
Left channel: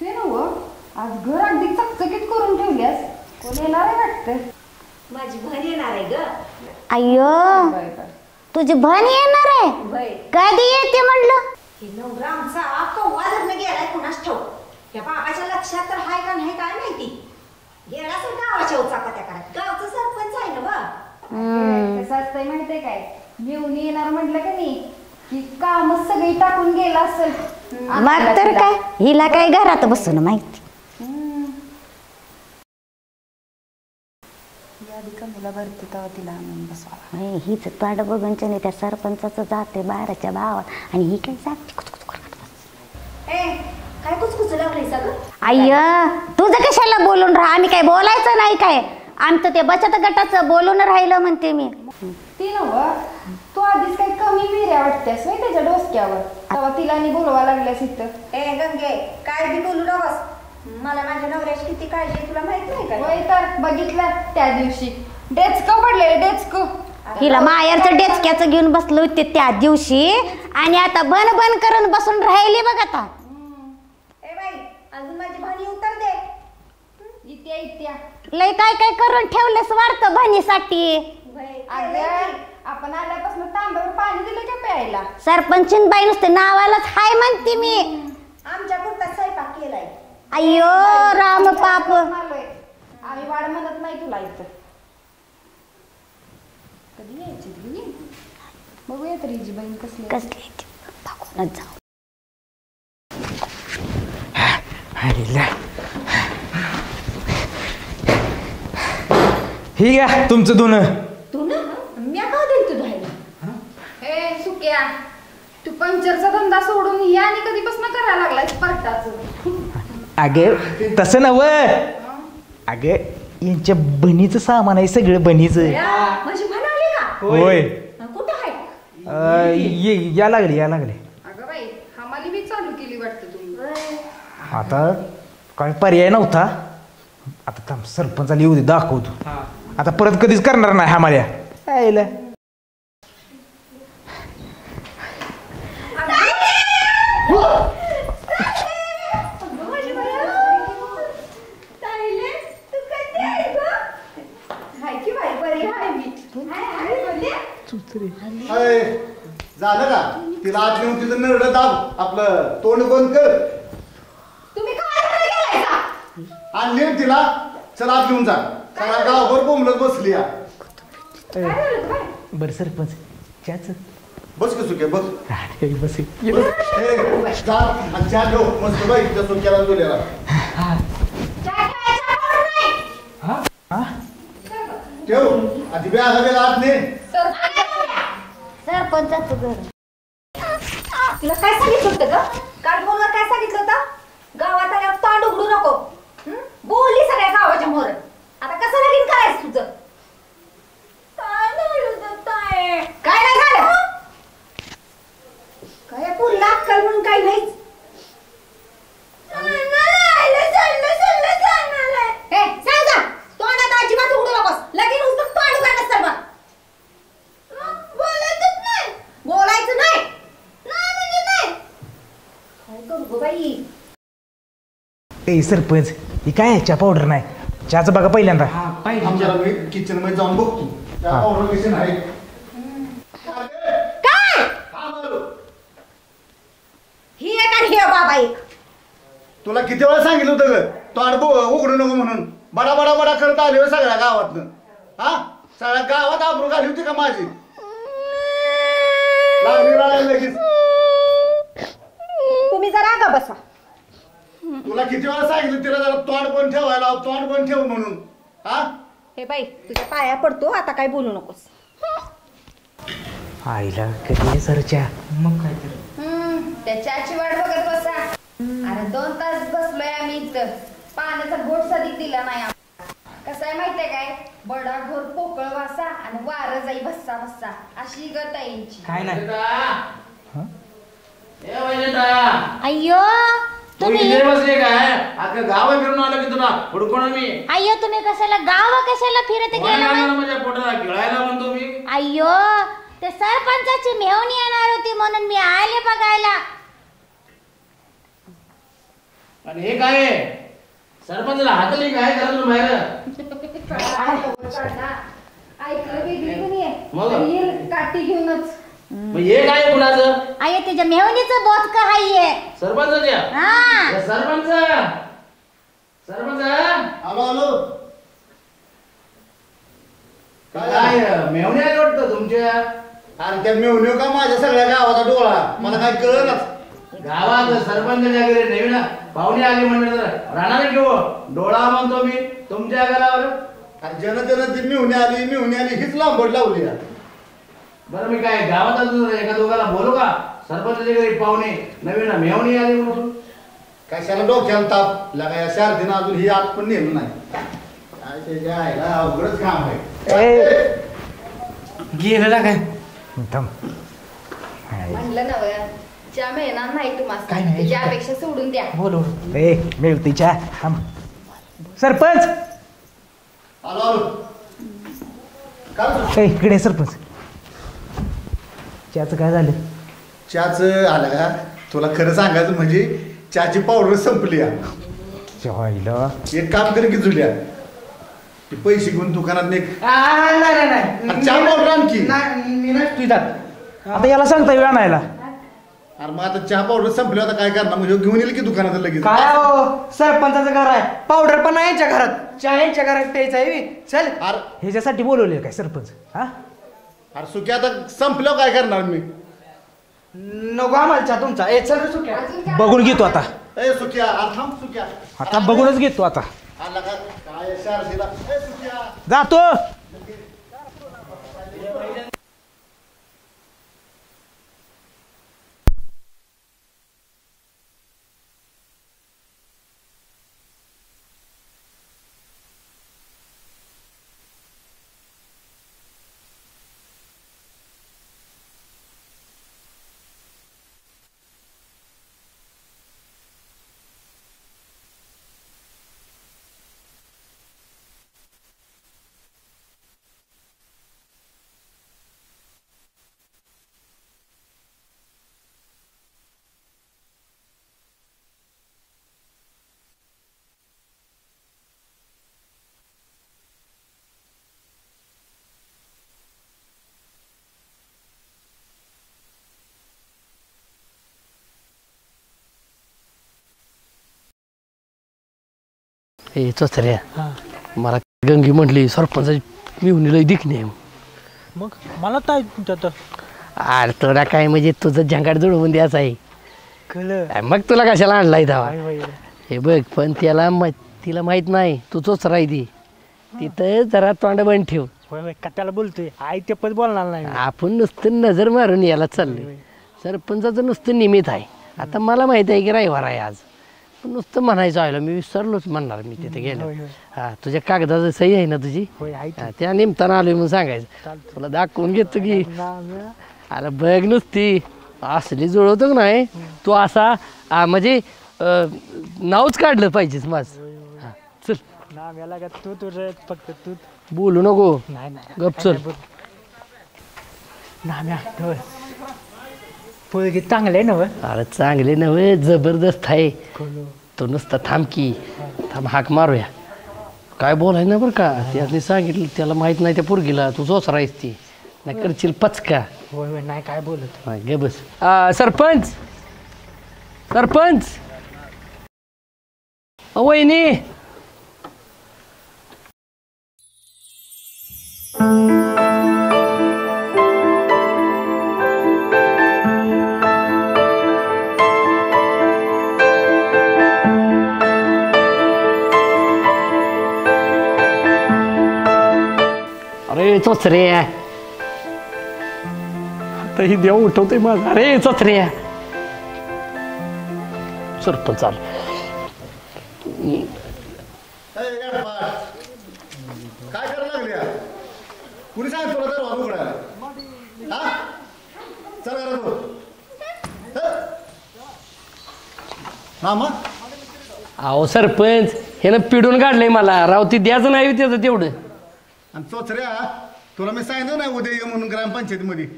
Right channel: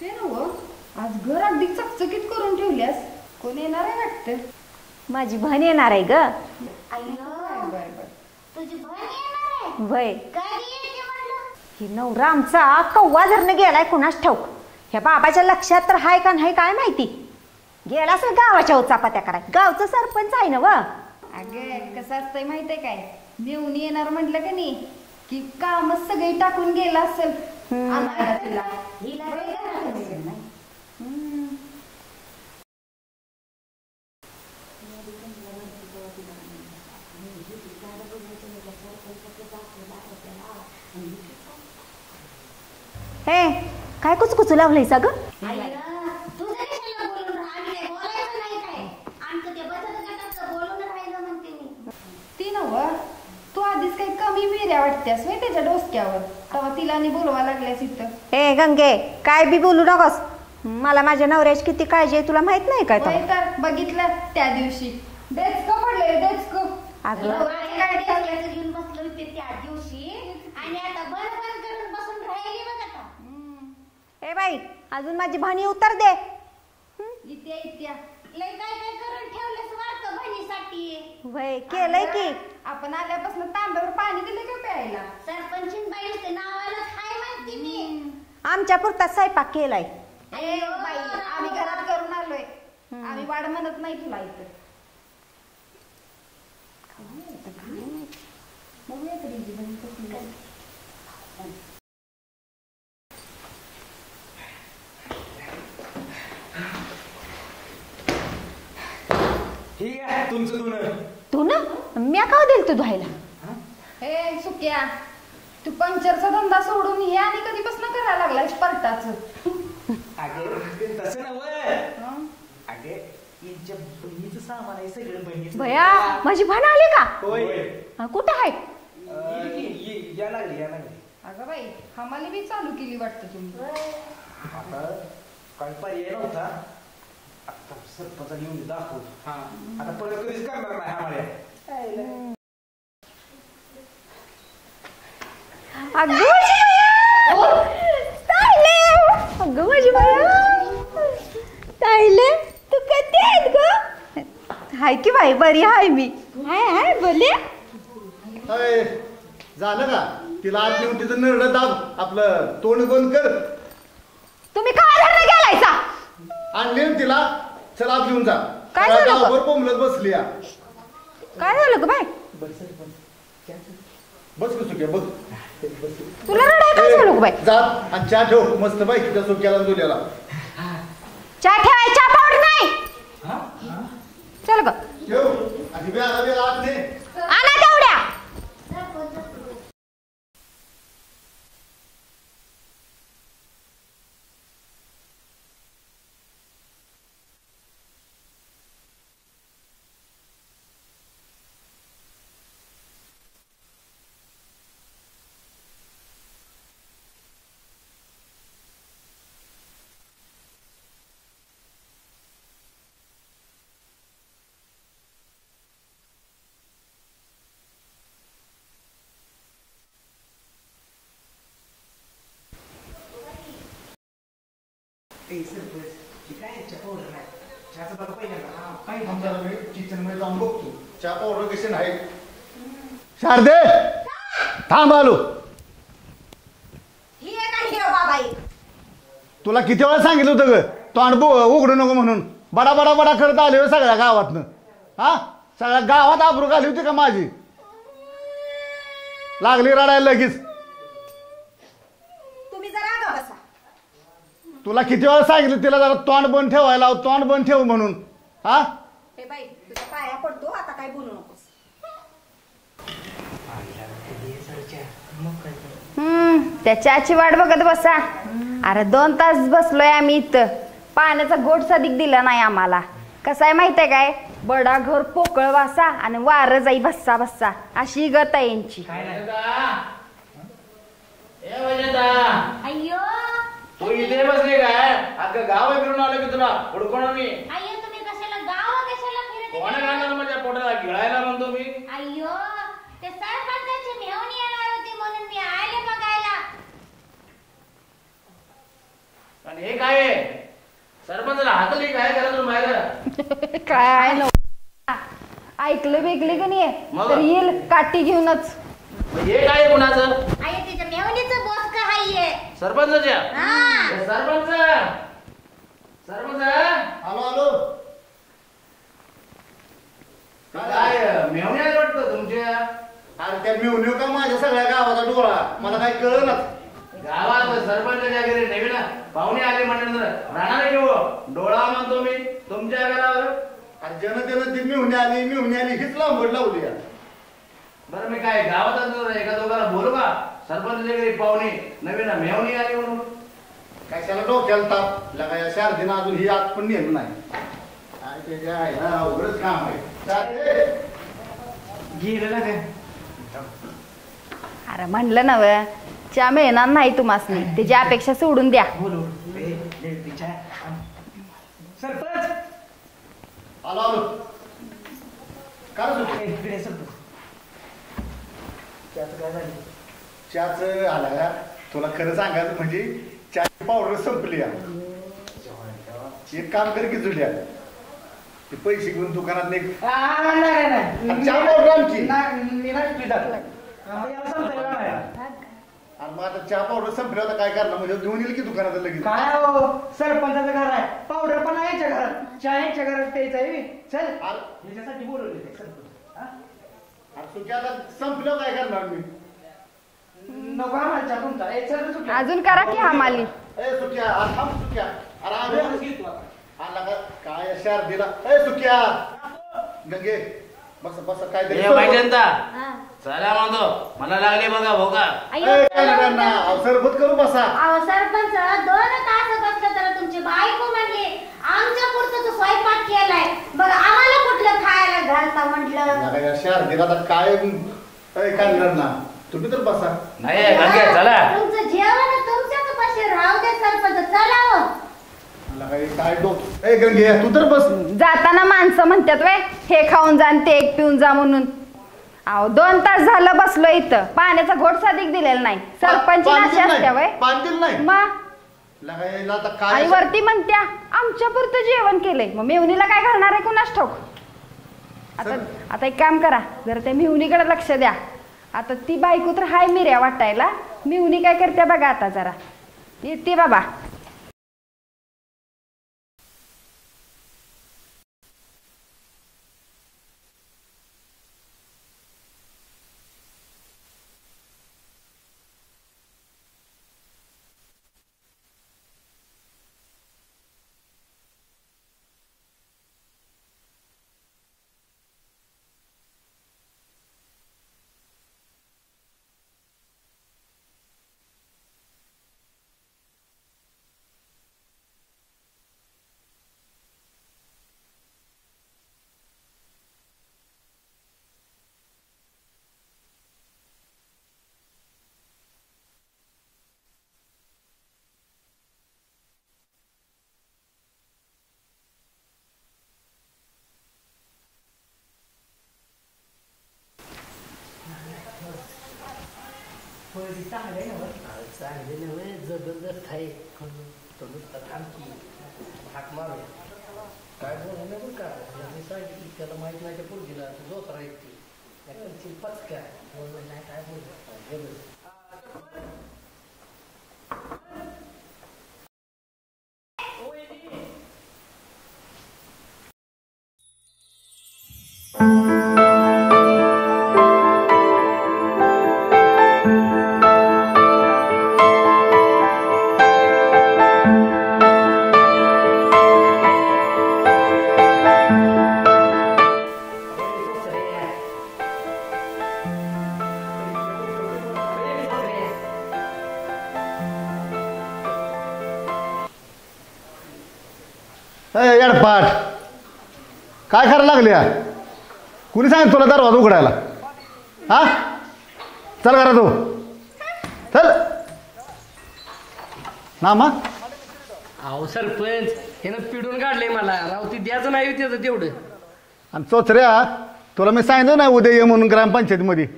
ते नव आज घर अगदी चकचकीत करून ठेवल्यास. कोण येणार आहे वाटतं. माझी बहीण येणार आहे ग. अय्यो बर बर तुझी बहीण येणार आहे होय. कधी येते म्हणलं. ही नवरा आमचा कव्वा धरणं गेलाय कुणास ठाऊक. ह्या बाबाच्या लक्षात तर हाय का नाही काय माहिती. गेला सर गावाच्या उचापात्या करा गावचं सरपंच आहे ना व. कसं असतंय माहितीये काय नेऊन येणार म्हटलं का नाही की कामच सगळी टाकून गेला असेल. मग तर काय हिला काय घरात बसून माहिती. हीच पाड बघून त्या सरपंचाचं जाते बाराच्या भावात आणि ही काय जाते. हे काय कुचकुचू लावलंय सगळं. अय्य तुझं कशाला बोलून राहा आम्ही काय बोलायचं नाही काय. आमचं ते बचत गटाचं बोलून राहिलं म्हणते मी. ती नव तू आधीच काही कमी बिऱ्या वाटतेस व्हय त्याच्या डोसक्यावर तेव्हा तिला आणि बोलवा लागल्यास इथं. हे गंगे काय बी बोलू नकोस. मला माझ्या नवऱ्याची किती काळजी आहे तुला माहित नाही काय. होय तर बघितलं त्या दिवशी डेचकं पडलेलं डेचकं. हिला मायाचं डेचक्याचं घेऊन बसलो होते त्या दिवशी आणि आता बन बन करून बसून राहिली बघ आता. ए बाई अजून माझी भाणी उतर दे. इत्या लय काय काय करून ठेवलंस वाटतं भाणीसाठी. केलंय की आपण आल्यापासून तांब्यावर पाणी दिलं का प्यायला. सरपंचीन बाई नुसते नावालाच हाय म्हणते मी. आमच्या पुरता स्वयंपाक केलाय. अय्यो राम पाप. आम्ही वाढ म्हणत नाही तुला इथं. बघूया तरी जी बहीण कसली कसली दाखवूनच जाऊ. हे घ्या तुमचं धुणं. तू ना मी का दिल तू धुवायला. ए सुक्या तू पंक्चरचा धंदा सोडून हे आणि कधीपासून करायला लागलाय स्पर्टाचं. अगे तसं नव अगे यांच्या बहिणीचं सामान आहे सगळं बहिणीचं. माझी भाण आली का. होय कुठं आहे. या लागले. अगं बाई हमाली मी चालू केली वाटतं तुम्ही. आता काय पर्याय नव्हता. आता थांब सरपंचाला येऊ दे दाखवतो. आता परत कधीच करणार नाही हमाल्या. तू कधी आहेत ग. हाय की बाई बरी हाय मी. हाय बोलले झालं का तिला आत नेऊन तिचं निर्णय दाब आपलं तोंड बंद कर. तुम्ही काय धरणं गेलायचा. आणि नेऊन तिला चला आत घेऊन जा. काय गावभर बोंबलत बसली या. काय झालं ग बाय? बरं सरपंच चहाच बस की सुक्या बस बस तुला रडायला काय झालं ग बाय? जा आणि चहा ठेव मस्त माहिती त्या सुक्याला दिलेला. चहा ठेवाय, चहा पावडर नाही. चल ग. ठेव आणि बॅग आत ने. आणा तेवढ्या. सरपंचाचं घर. तुला काय सांगितलं होतं ग? काल फोनवर काय सांगितलं होतं? गावात आल्यावर तोंड उघडू नको. बोलली सगळ्या गावाच्या मोर. आता कसं लगीन करायचं तुझं? काय नाही झालं? काय पुरला अक्कल म्हणून काही नाहीच. ए, सांग जा. तोंडात अजिबात उघडू नकोस. लगीन उचलून तोंड उघडलं सर्व. बोलायचं नाही. काय करू गं बाई? ए सरपंच ही काय आहे? चहा पावडर नाही. चहाचं बघा पहिल्यांदा. आमच्या किचन मध्ये जाऊन बघतो चहा पावडर कशी नाही. शारदे काय? थांब आलो. ही एक आणि हे बाबा एक. तुला किती वेळा सांगितलं होतं ग तोंड उघडू नको म्हणून. बडा बडा बडा करत आले होय सगळ्या गावातनं. हा सगळ्या गावात आबरू घाली होती का माझी? लागली रडायला लगेच. तुम्ही जरा का बसा. तुला किती वेळा सांगितलं तिला जरा तोंड बंद ठेवायला, तोंड बंद ठेव म्हणून. हा हे बाई तुझ्या पाया पडतो, आता काय बोलू नकोस. आईला कधी सर चहा मग काय तर. त्या चहाची वाट बघत बसा. अरे 2 तास बसलोय आम्ही इथं. पाण्याचा गोट सदिक दिला नाही आम्हाला. कसं आहे माहितीये काय? बडा घर पोकळ वासा आणि वार जाई भस्सा भस्सा अशी गत आहे यांची. काय नाही अय्यो तुम्ही बसले काय आता गाव फिरून आलो की तुला पडकोण मी अय्यो तुम्ही कशाला गाव कशाला फिरत गेला? माझ्या पोटाला गिळायला म्हणतो मी. अय्यो ते सरपंचाची मेहून येणार होती म्हणून मी आले बघायला. आणि हे काय सरपंचाला हातली काय घरातून बाहेर काय ऐकलं बिकली का नाही मग? तर येईल काठी घेऊनच. हे काय कुणाचं? अय्यो त्याच्या मेहूनीचं बोत का हाये? सरपंचाच्या हा सरपंच सरपंच आलो आलो. काय मेवणे आले वाटतं तुमच्या आणि त्या मिळून का माझ्या सगळ्या गावाचा डोळा मला काय कळलं. गावात सरपंच वगैरे नवीन पाहुणे आले म्हणलं तर राहणार घेऊ डोळा म्हणतो मी तुमच्या गावावर. जनतेनं ते मिळून आली हीच लांबड लावली. बरं मी काय गावात एका दोघाला बोलू का सरपंचाच्या घरी पाहुणे नवीन मेवणी आली म्हणून. कशाला डोक्याला ताप लगा या शारदीनं अजून ही आत पण नेलं नाही. काय त्याच्या आईला अवघडच काम आहे. गेलेला काय थांब. अरे म्हणलं नव चहा मिळणार नाही तुम्हाला. त्याची अपेक्षा सोडून द्या. बोलू ए मिळते चहा थांब. सरपंच आलो आलो. काय ए इकडे सरपंच चहाचं काय झालं? चहाचं आलं का? तुला खरं सांगायचं म्हणजे चहाची पावडर संपली. जेवायला एक काम कर की जुल्या ते पैसे घेऊन दुकानात नाही नाही चहा पावडर आणखी. आता याला सांगता येईल आणायला. अरे मग आता चहा पावडर संपली आता काय करणार म्हणजे घेऊन येईल की दुकानात लगेच. काय हो सरपंचाचं घर आहे पावडर पण आहे यांच्या घरात चहा यांच्या घरात प्यायचा आहे चल. अरे ह्याच्यासाठी बोलवले काय सरपंच? हा अरे सुक्या आता संपलं काय करणार मी? नको आम्हाला चहा तुमचा ए चल रे सुट्या. अजून करा बघून घेतो आम्हाला. आता. ए सुक्या अरे थांब सुक्या. आता बघूनच घेतो आता. आला का काय शारदीला? ए सुक्या जातो. गंगे बस बस काय हे माहिती चला म्हणतो मला लागले बघा भोका. सरबत करू बसा. अहो सरपंच 2 तास बसलं तर तुमची बायको म्हणली आमच्या पुरतं तू स्वयंपाक केलाय बघा आम्हाला कुठलं खायला घालता म्हटलं. शारदीला आता काय करणार ना तुम्ही तर बसा. नाही गंगे चला तुमचं जेवण तुमच्याच पाशी राहू दे सरपंच चला हो. काय डोक ए गंगे तू तर बस. जाताना माणसं म्हणतात वे हे खाऊन जा आणि ते एक पिऊन जा म्हणून. अहो 2 तास झालं बसलो इथं. पाण्याचा घोट साधिक दिलेला नाही. सरपंच अशी असत्या वय पाणी नाही मग. लगायला आता आणि काय वरती म्हणत्या आमच्या पुरतं जेवण केलंय. मग मेवणीला काय घालणार आहे कुणास ठाऊक. आता एक काम करा जरा त्या मेवणीकडे लक्ष द्या. आता ती बायको तर हाय मिऱ्या वाटायला. मेवणी काय करते बघा आता जरा येते बाबा. हे चोचऱ्या मला गंगी म्हटली सरपंचाची मेवणीला दिखणे मग मला काय त्यात अरे तुला काय म्हणजे तुझं झंगाट जुळवून द्यायचं आहे. कळलं मग तुला कशाला आणलाय धावा. काय बाई. हे बघ पण तिला माहित नाही तू तोच राहिली तिथं जरा तोंड बंद ठेव. होय होय कट्याला बोलतोय आई ते पण बोलणार नाही मी. आपण नुसतं नजर मारून यायला चाललोय. सरपंचाचं नुसतं निमित्त आहे. आता मला माहित आहे की रविवार आहे आज, पण नुसतं म्हणायचं आलो मी विसरलोच म्हणणार मी तिथे गेलो. होय, होय. हा तुझ्या कागदाचं सही आहे ना तुझी, होय आहे की. हा, त्या निमताना आलोय म्हणून सांगायचं. तुला दाखवून घेतो की नाम्या. अरे बघ नुसती असली जुळवतो का नाही तू असा म्हणजे नावच काढलं पाहिजेस माझं. हा, चल नाम्याला का तू तुझं फक्त तू बोलू नको, नाही नाही गप चल. नाम्या होय पोळगी चांगले ना अरे चांगले नव्हे जबरदस्त आहे. तो नुसता थांब की थांब हाक मारूया. काय बोलाय ना बरं का, त्याने सांगितलं त्याला माहित नाही त्या पोरगीला तू जोच राहीस ती नाही करशील पचका. होय होय नाही काय बोलत. गे बस. सरपंच सरपंच वहिनी अरे चोचरे ही देव उठवते मग. अरे चोचरे सरपंच चाल येडपाट काय करायला लागले या? कुणी सांगितलं तुला दरवाजा उघडायला? हा चल करा तू चल नामा. अहो सरपंच हे ना पिडून काढलंय मला राव. ती द्यायचं नाही त्याचं तेवढं. आणि चोचऱ्या तुला मी सांगितलं नाही उद्या ये म्हणून ग्रामपंचायतीमध्ये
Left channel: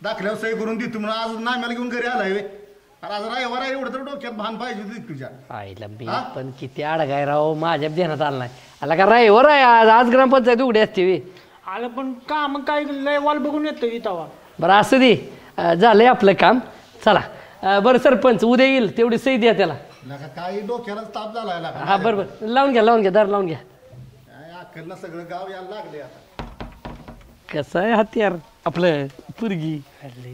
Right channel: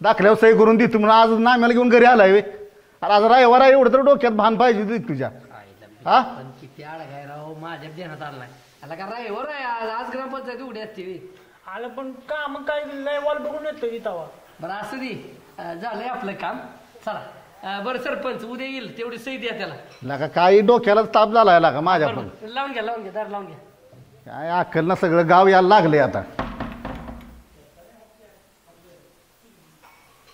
दाखल्यावर सही करून देतो म्हणून. आज नाम्याला घेऊन घरी आलाय आणि आज रविवार आहे एवढं तर डोक्यात भान पाहिजे तुझ्या. आईला बी हा? पण किती अडगाय राव माझ्या ध्यानात आला नाही. आला का रायवर आहे आज ग्रामपंचायत उघडी असते वे. आलं पण काम काय लय वाल बघून येतो इथं. बरं असं दे झालंय आपलं काम. चला बरं सरपंच उद्या येईल तेवढी सही द्या त्याला. नका काही डोक्याला ताप झालाय का माझ्या पण. बरोबर लावून घ्या दार लावून घ्या. काय अक्कल ना सगळं गाव यायला लागले आता. कसं आहे हत्यार आपलं पुरगी.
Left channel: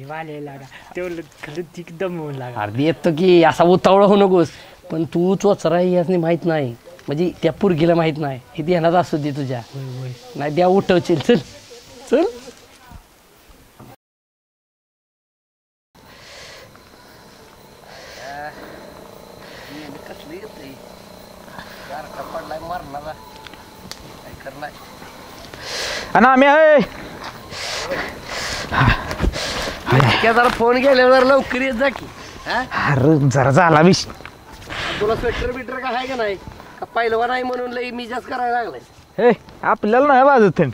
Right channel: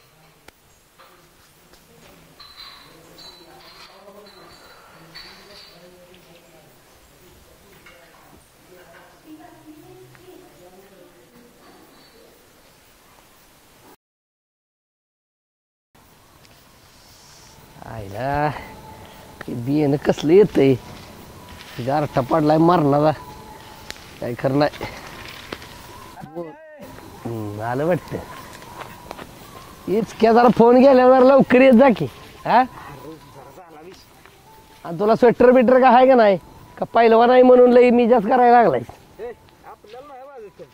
वाले लागा तेवढं खरंच एकदम लागा. अर्धी येतो की असा उतावळा होऊ नकोस. पण तू चोचरा याच माहित नाही म्हणजे त्या पुरगीला माहित नाही हे ध्यानात असू दे तुझ्या. नाही द्या उठवशील. चल चल आया बियाणं कसलं येतंय गारठा पडलाय मारणारा काय खरं नाही. आणि आम्ही आलं वाटतं जरा फोन गेल्यावर लवकर येत जा की. हा अरे जरा झाला विष. तुला स्वेटर बिटर का आहे का नाही का पहिलवा नाही म्हणून लई मी जास्त करायला लागलाय. हे आपल्याला नाही वाजत थंड.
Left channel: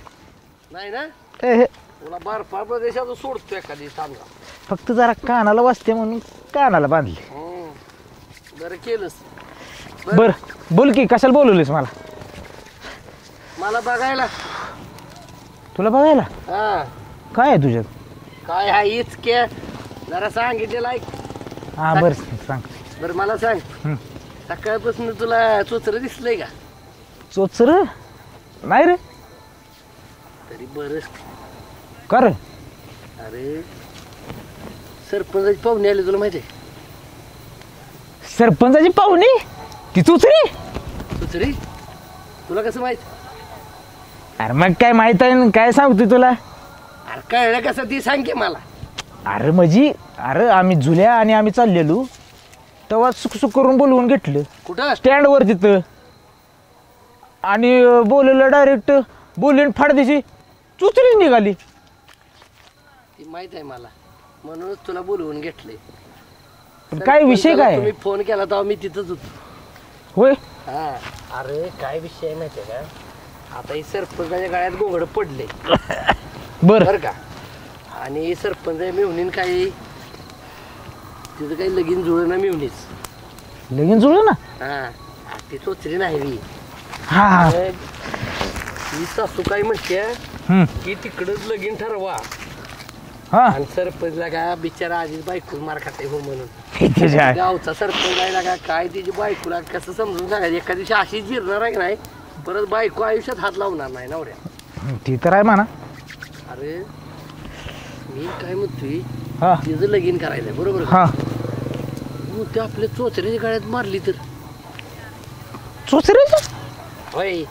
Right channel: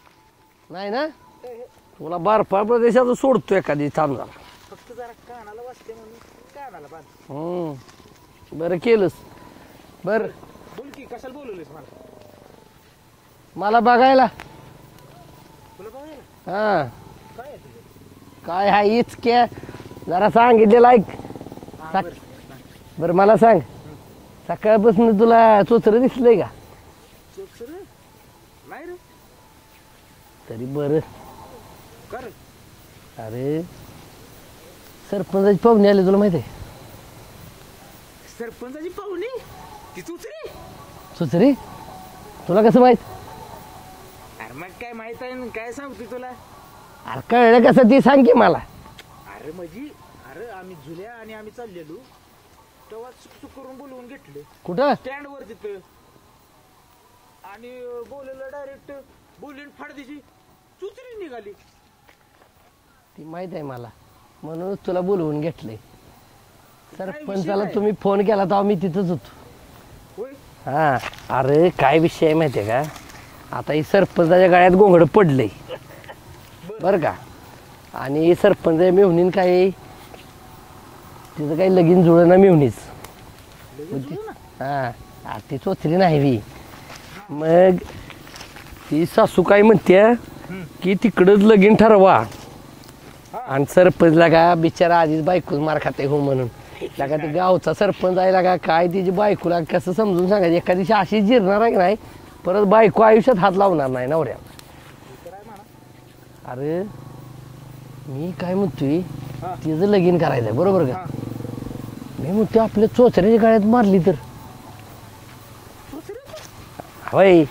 नाही ना हे तुला बर्फाळ प्रदेशात सोडतो एखादी थांबला. फक्त जरा कानाला वाजते म्हणून कानाला बांधले. बरं केलंस. बर बोल की कशाला बोलवलीस मला? मला बघायला. तुला बघायला हा काय आहे तुझ्यात? काय हा इचके जरा सांगितलेलं ऐक. हा बर सांग. बरं मला सांग सकाळपासून तुला चोचरं दिसलंय का? चोचर नाही रे. तरी बरं कर. अरे सरपंचाची पाहुणे आले तुला माहिती आहे? सरपंचाची पाहुणी ती चोचरी? चोचरी तुला कसं माहित? अरे मग काय माहित आहे ना, काय सांगतो तुला? अरे कळलं कसं ते सांग की मला. अरे म्हणजे अरे आम्ही जुल्या आणि आम्ही चाललेलो तेव्हा सुख सुख करून बोलवून घेतलं कुठं? स्टँडवर तिथं. आणि बोलवलं डायरेक्ट बोलून फाडदेशी चुचरी निघाली. ती माहित आहे मला म्हणूनच तुला बोलवून घेतले. काय विषय काय? तुम्ही फोन केला तेव्हा मी तिथंच होतो. होय हा अरे काय विषय आहे माहिती आहे का? आता ही सरपंचाच्या गळ्यात गोंगड पडले बरं का. आणि सरपंच मेहुणीन काय त्याचं काही लगीन जुळलं ना मेहुणीच. लगीन जुळलं ना? हा ती चोचरी नाही बी. हा मग ती सासू काय म्हणते की तिकडंच लगीन ठरवा. हा आणि सरपंचला का बिचारा आधीच बायको मार खाते हो म्हणून. गावचा सरपंच आहे का काय तिची बायकोला कसं समजून सांगायचं. एका दिवशी अशी जिरणार आहे की नाही परत बायको आयुष्यात हात लावणार नाही नवऱ्या. ती तर आहे म्हणा. अरे मी काय म्हणतोय हा तिचं लगीन करायचंय बरोबर का हा मी म्हणतोय आपल्या चोचऱ्याच्या गळ्यात मारली तर चोचऱ्याचं होय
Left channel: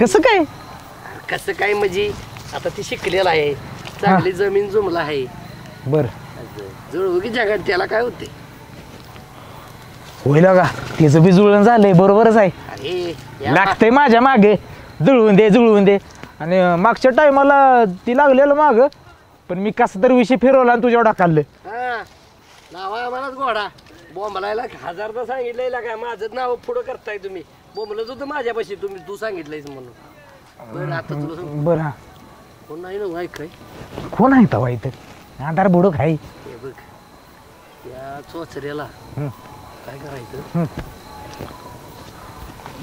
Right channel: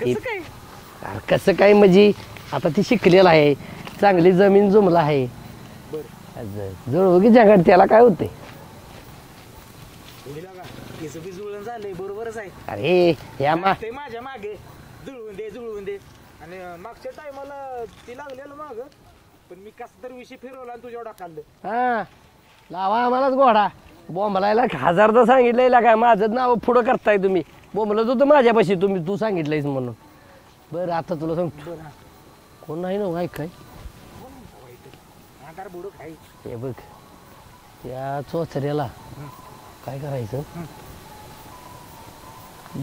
कसं काय अरे कसं काय म्हणजे आता ती शिकलेला आहे चांगली जमीन जुमला आहे बर जुळवगी जगात त्याला काय होते होईल का त्याचं बी जुळण झालंय बरोबरच आहे अरे या लागतंय माझ्या मागे जुळवून दे आणि मागच्या टायमाला ती लागलेलं माग पण मी कसं तरी विषय फिरवला आणि तुझ्या ढाकाललं हा लावा आम्हालाच घोडा बोंबलायला हजारदा सांगितलंय काय माझं नाव पुढं करताय तुम्ही बोंबलत होतं माझ्यापाशी तू सांगितलंयस म्हणून बरं आता तुला सांग बरं हा कोण नाही ना माहित काय कोण आहे तवा इथं आधार बुडूक आहे हे बघ या चोचऱ्याला काय करायचं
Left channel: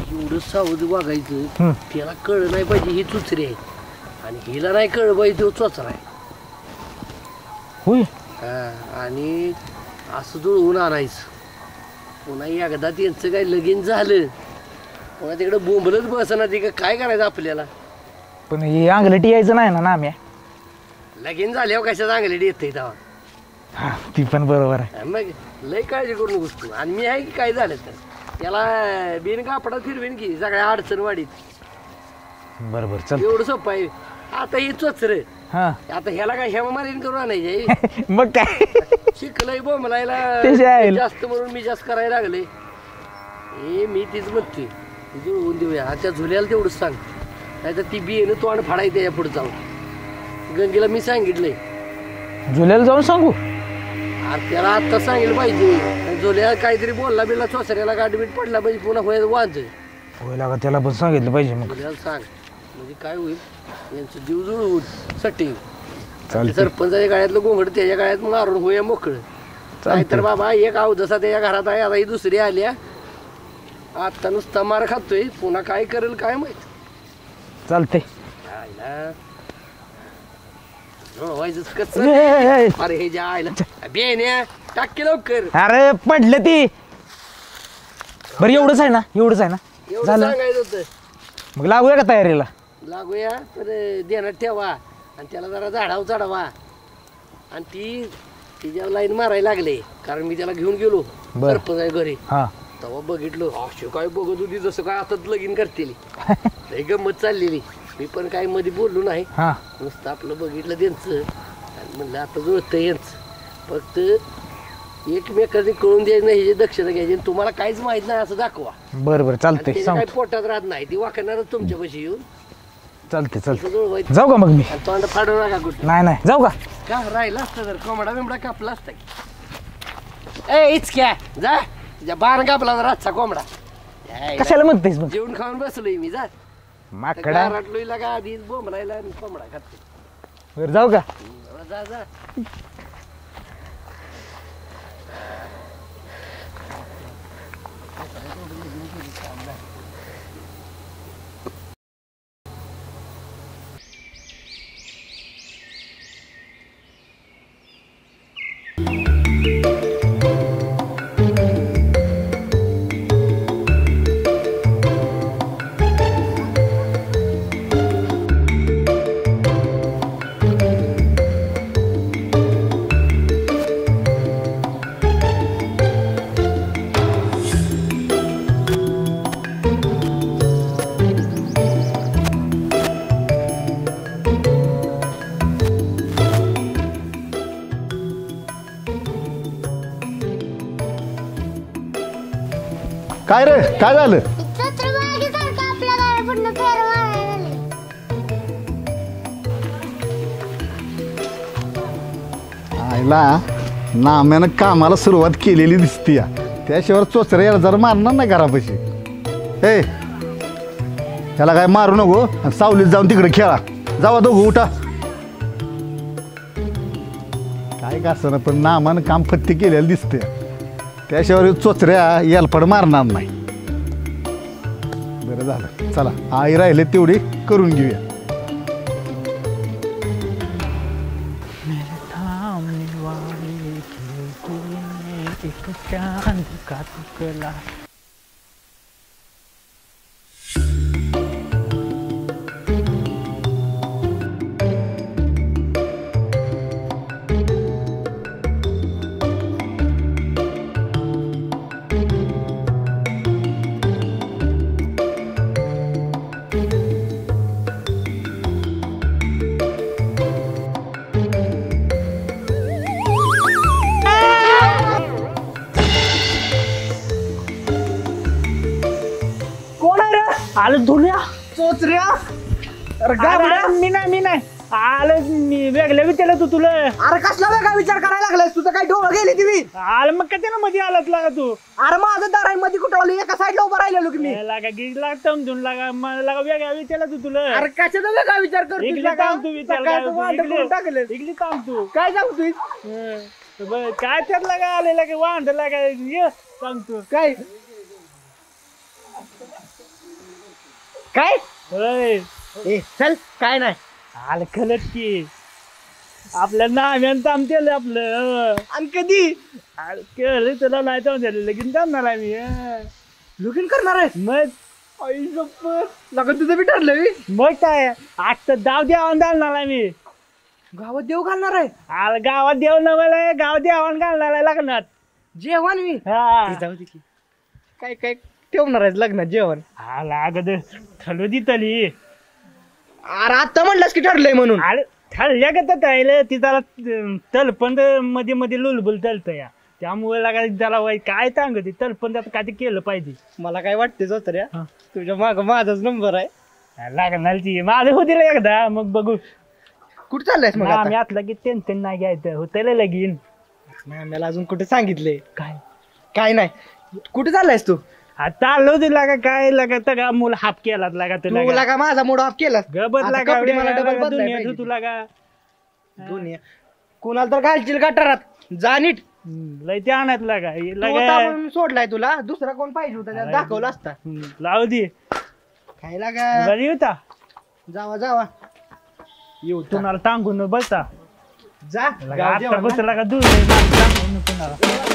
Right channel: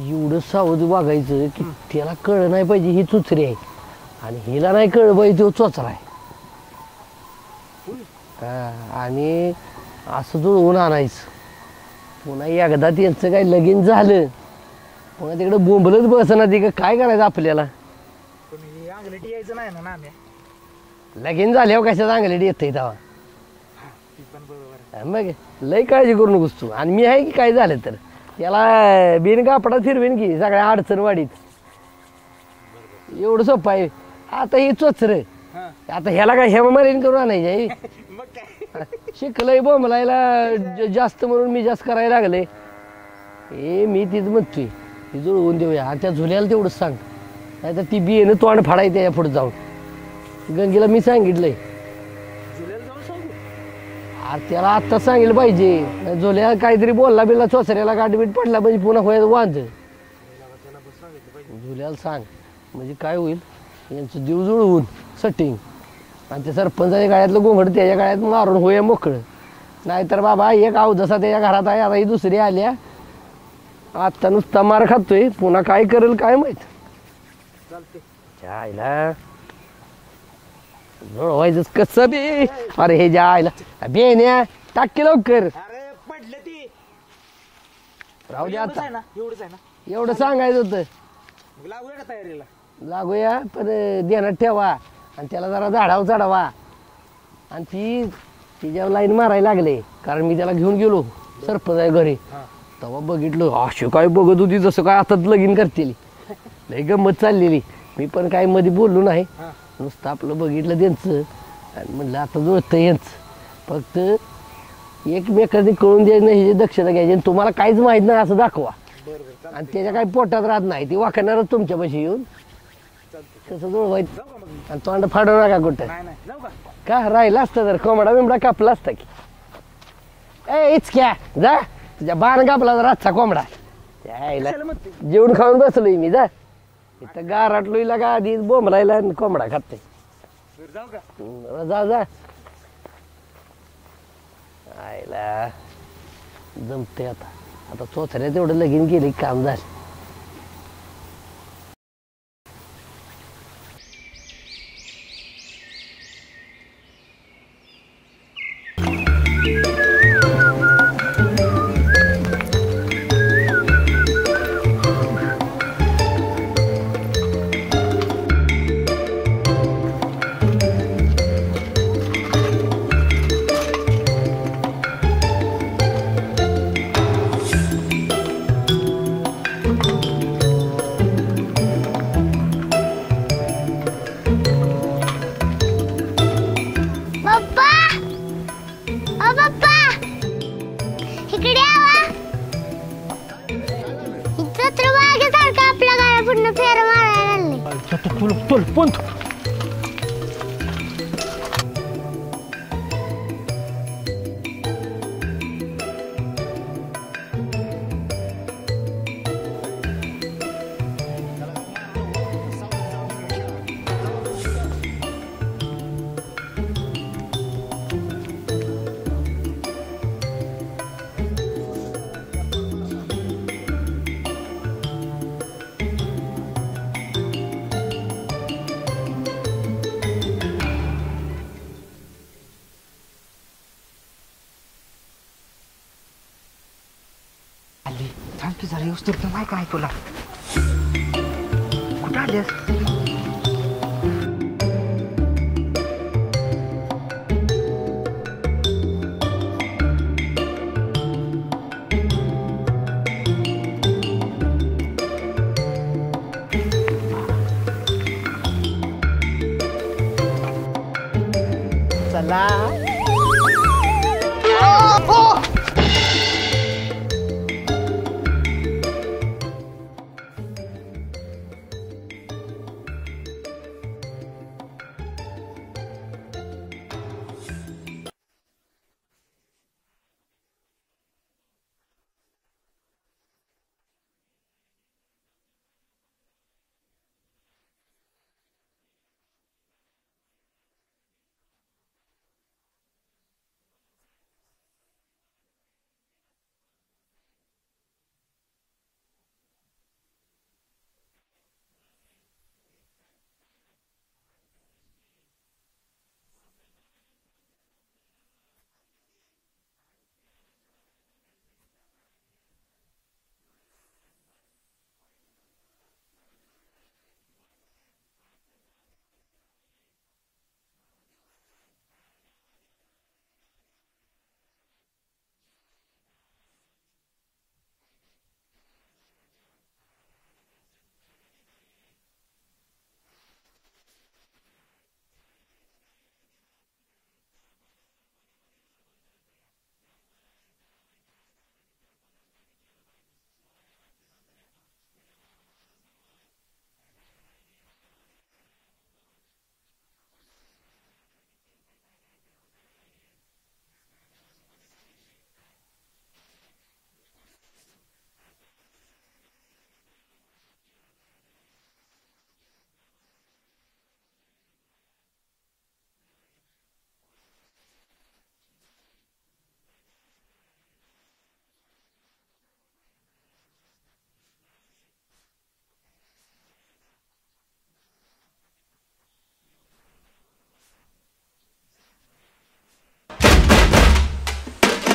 एवढं सावध वागायचं त्याला कळलं नाही पाहिजे ही चोचरी आहे आणि हिला नाही कळलं पाहिजे तो चोचरा आहे होय आणि असं जुळवून आणायचं पुन्हा एकदा त्यांचं काही लगीन झालं पुन्हा तिकडे बोंबलच बसना ती काय करायचं आपल्याला पण हे अंगलटी यायचं नाही ना नाम्या लगीन झाल्यावर कशा चांगले येत तेव्हा हा ती पण बरोबर आहे मग लय काळजी करू नकोस तू आणि मी आहे की काय झालं तर त्याला बिन कापडात फिरवीन की सगळ्या अडचण वाढीत बरोबर चल एवढं सोपं आहे आता हे चोचर हा आता ह्याला काय हेम मारीन करू आणायचे मग काय शिकलंय बोंबलायला तेच आहे. जास्त म्हणून मी जास्त करायला लागले ए मी तीच म्हणतोय ती जुळवून देऊया आणि त्या झुल्याला तेवढंच सांग नाही तर ती बियेनं तोंड फाडायचं या पुढे जाऊन गंगेला मी सांगितलंय जुल्याला जाऊन सांगू अरे त्याला आत्ता सांगितलं पाहिजे झोल्या काहीतरी बोलला बिलला चोचऱ्याला गाठबीट पडला पाहिजे पुन्हा व्हायचं वांज होईल का त्याला पण सांगितलं पाहिजे मग झोल्याला सांग म्हणजे काय होईल यांचं जीव जुळवून सट्टी सरपंचाच्या गाळ्यातलं घोंगड त्याच्या गाळ्यात मारून होया मोकळं नाहीतर बाबा एक अवदसा त्याच्या घरात आहे आता ही दुसरी आल्या आत्ता नुसता मार खातोय पुन्हा काय करेल काय माहित चालतंय आईला जुळवायचं कसं बे? अरे हे ज्या आईला बेन्या टाक की लवकर अरे पडलं ती बरं एवढंच आहे ना एवढं झालं? सांगायचं होतं मग लागूया का तयारीला लागूया पण देण्यात ठेवा आणि त्याला जरा झाडावर चढवा आणि ती तिच्यावर लाईन मारायला लागले कारण मी त्याला घेऊन गेलो सरपंच घरी हा तेव्हा बघितलं अशी काय बघत होती जसं काय आता लगीन करतेली लय गंमत चाललेली मी पण काय मध्ये बोललो नाही हा नुसतं आपलं बघितलं त्यांचं आणि म्हणलं आता जुळतं यांचं फक्त एकमेकांनी कळून द्यायचं नाही हे दक्षिणा घ्यायची आणि तुम्हाला काहीच माहित नाही असं दाखवा बरं बरं चालतंय त्याच्या काही सांगतो. पोटात राहत नाही ती वाकणारच तुमच्यापाशी येऊन चालतंय असं चालतंय जुळवायचं जाऊ का मग मी आणि तोंड फाडू नका कुठं नाही जाऊ का का राहिला असता तर कोंबडा बिमडा कापला असता की ए इचक्या जा तुझ्या बाण कापला जर आजचा कोंबडा यायला. कशाला म्हणतेस मग जेवण खाऊन बसलोय मी जा माकडा गाराटलोय का आधी बोंबलायला आणि कोंबडा खाते बरं जाऊ का जा जा आईला जमते आता आता चोचऱ्या तेवढं लगीन गेले काम झालं पप्पा ओ पप्पा इकडे यावा काय रे काय झालं छत्रवाग्यासारखं आपल्या गाड्या पूर्ण फेर मारायला लागले आईला नाम्यानं कामाला सुरुवात केलेली दिसती त्याशिवाय चोचऱ्या याला जरा मारणार नाही घरापाशी ए त्याला काय मारू नको आणि सावलीत जाऊन तिकडे खेळा जावा दोघं उठा काय का असं ना पण नामानं काम फत्ती केलेलं दिसते त्याशिवाय चोचऱ्या यालपड मारणार नाही बरं झालं चला आई राहिले तेवढी करून घेऊया आली थांब की जरा येऊस तर माय काय तुला कुठं आलीस चोचऱ्या अरे गाबड्या. अरे, मी नाही आलं मी वेगळ्या विचारलं तू तुला अरे कसला वेगळा विचार करायला लागलास तुझं काय डोळं गेली तुम्ही आलं मग का त्यानं मध्ये आलात लागा तू अरे माझं दाराई मध्ये कुठवली एका साईडला उभं राहिलेलो की मी लागा गिज लाग समजून लागा मला लागा वेगळ्या विचारलं तू तुला अरे कशाचा वेगळा विचार करतो इकडे थांब तू विचार टाकलं इकडे थांब तू काय सांगतोय काय त्यात लागा आलेला का वांड लागा ये सांग तू काय काय होय ए चल काय नाही आलं खलत की आपल्या नाम्यान थांबतेल आपलं आणि कधी केलं तुला नाही थांबतेल लगीन थांबणार आहे मी लगीन करणार आहे मग आई गप्पत लगन तुझं बी ठरलं मी मग काय आता दाव द्यावून घालणार आहे मी गावात देव घालणार आहे आलं गावात देव नवल गाव द्यावून घालणार आहे लग्नात जेवण मी हा ती जाऊ दे की काय काय ठेवणार आहे लग्नात जेवण आला अगोदर ठरवू दी तली अरे आता म्हणलास की ठरलंय म्हणून अरे ठरल्या का तर राहिलं ती त्याला तलपंद मध्ये मध्ये लुलबुल तलत या त्यामुळे लागा त्याला काय सांगते तलपंद आता काय ते केलं पाहिजे मला काय वाटते जोत्र्या तुझ्या माग माझाच नंबर आहे लागणार ती माझं होतील एकदा मग बघू कुठं चाललायस मग आम्ही आतला की टेन्शन नाही घ्यायचं होतं लगीन मला अजून कुठे सांगितले काय काय नाही कुठे चाललायस तू आता आलो तुला का काय लागत का मुलं हाप केला लागा तू का माझा मूड ऑफ केलास गबत आता लागा कपडे मला डबल बदलायला दुनिया पाहिजे. तुला का दुनिया कोणाला तर घालशील गटारात जा नीट लय ते आणत लागा तू होता म्हणून सोडलाय तुला दुसरा कोण पाहिजे होता त्याला दाखवला असता लावू दे काय लागा बरी होता जावा जावा येऊ तुम्हाला टांगून बसा जा लागा गाव आता जेवण ना. बसला का दूर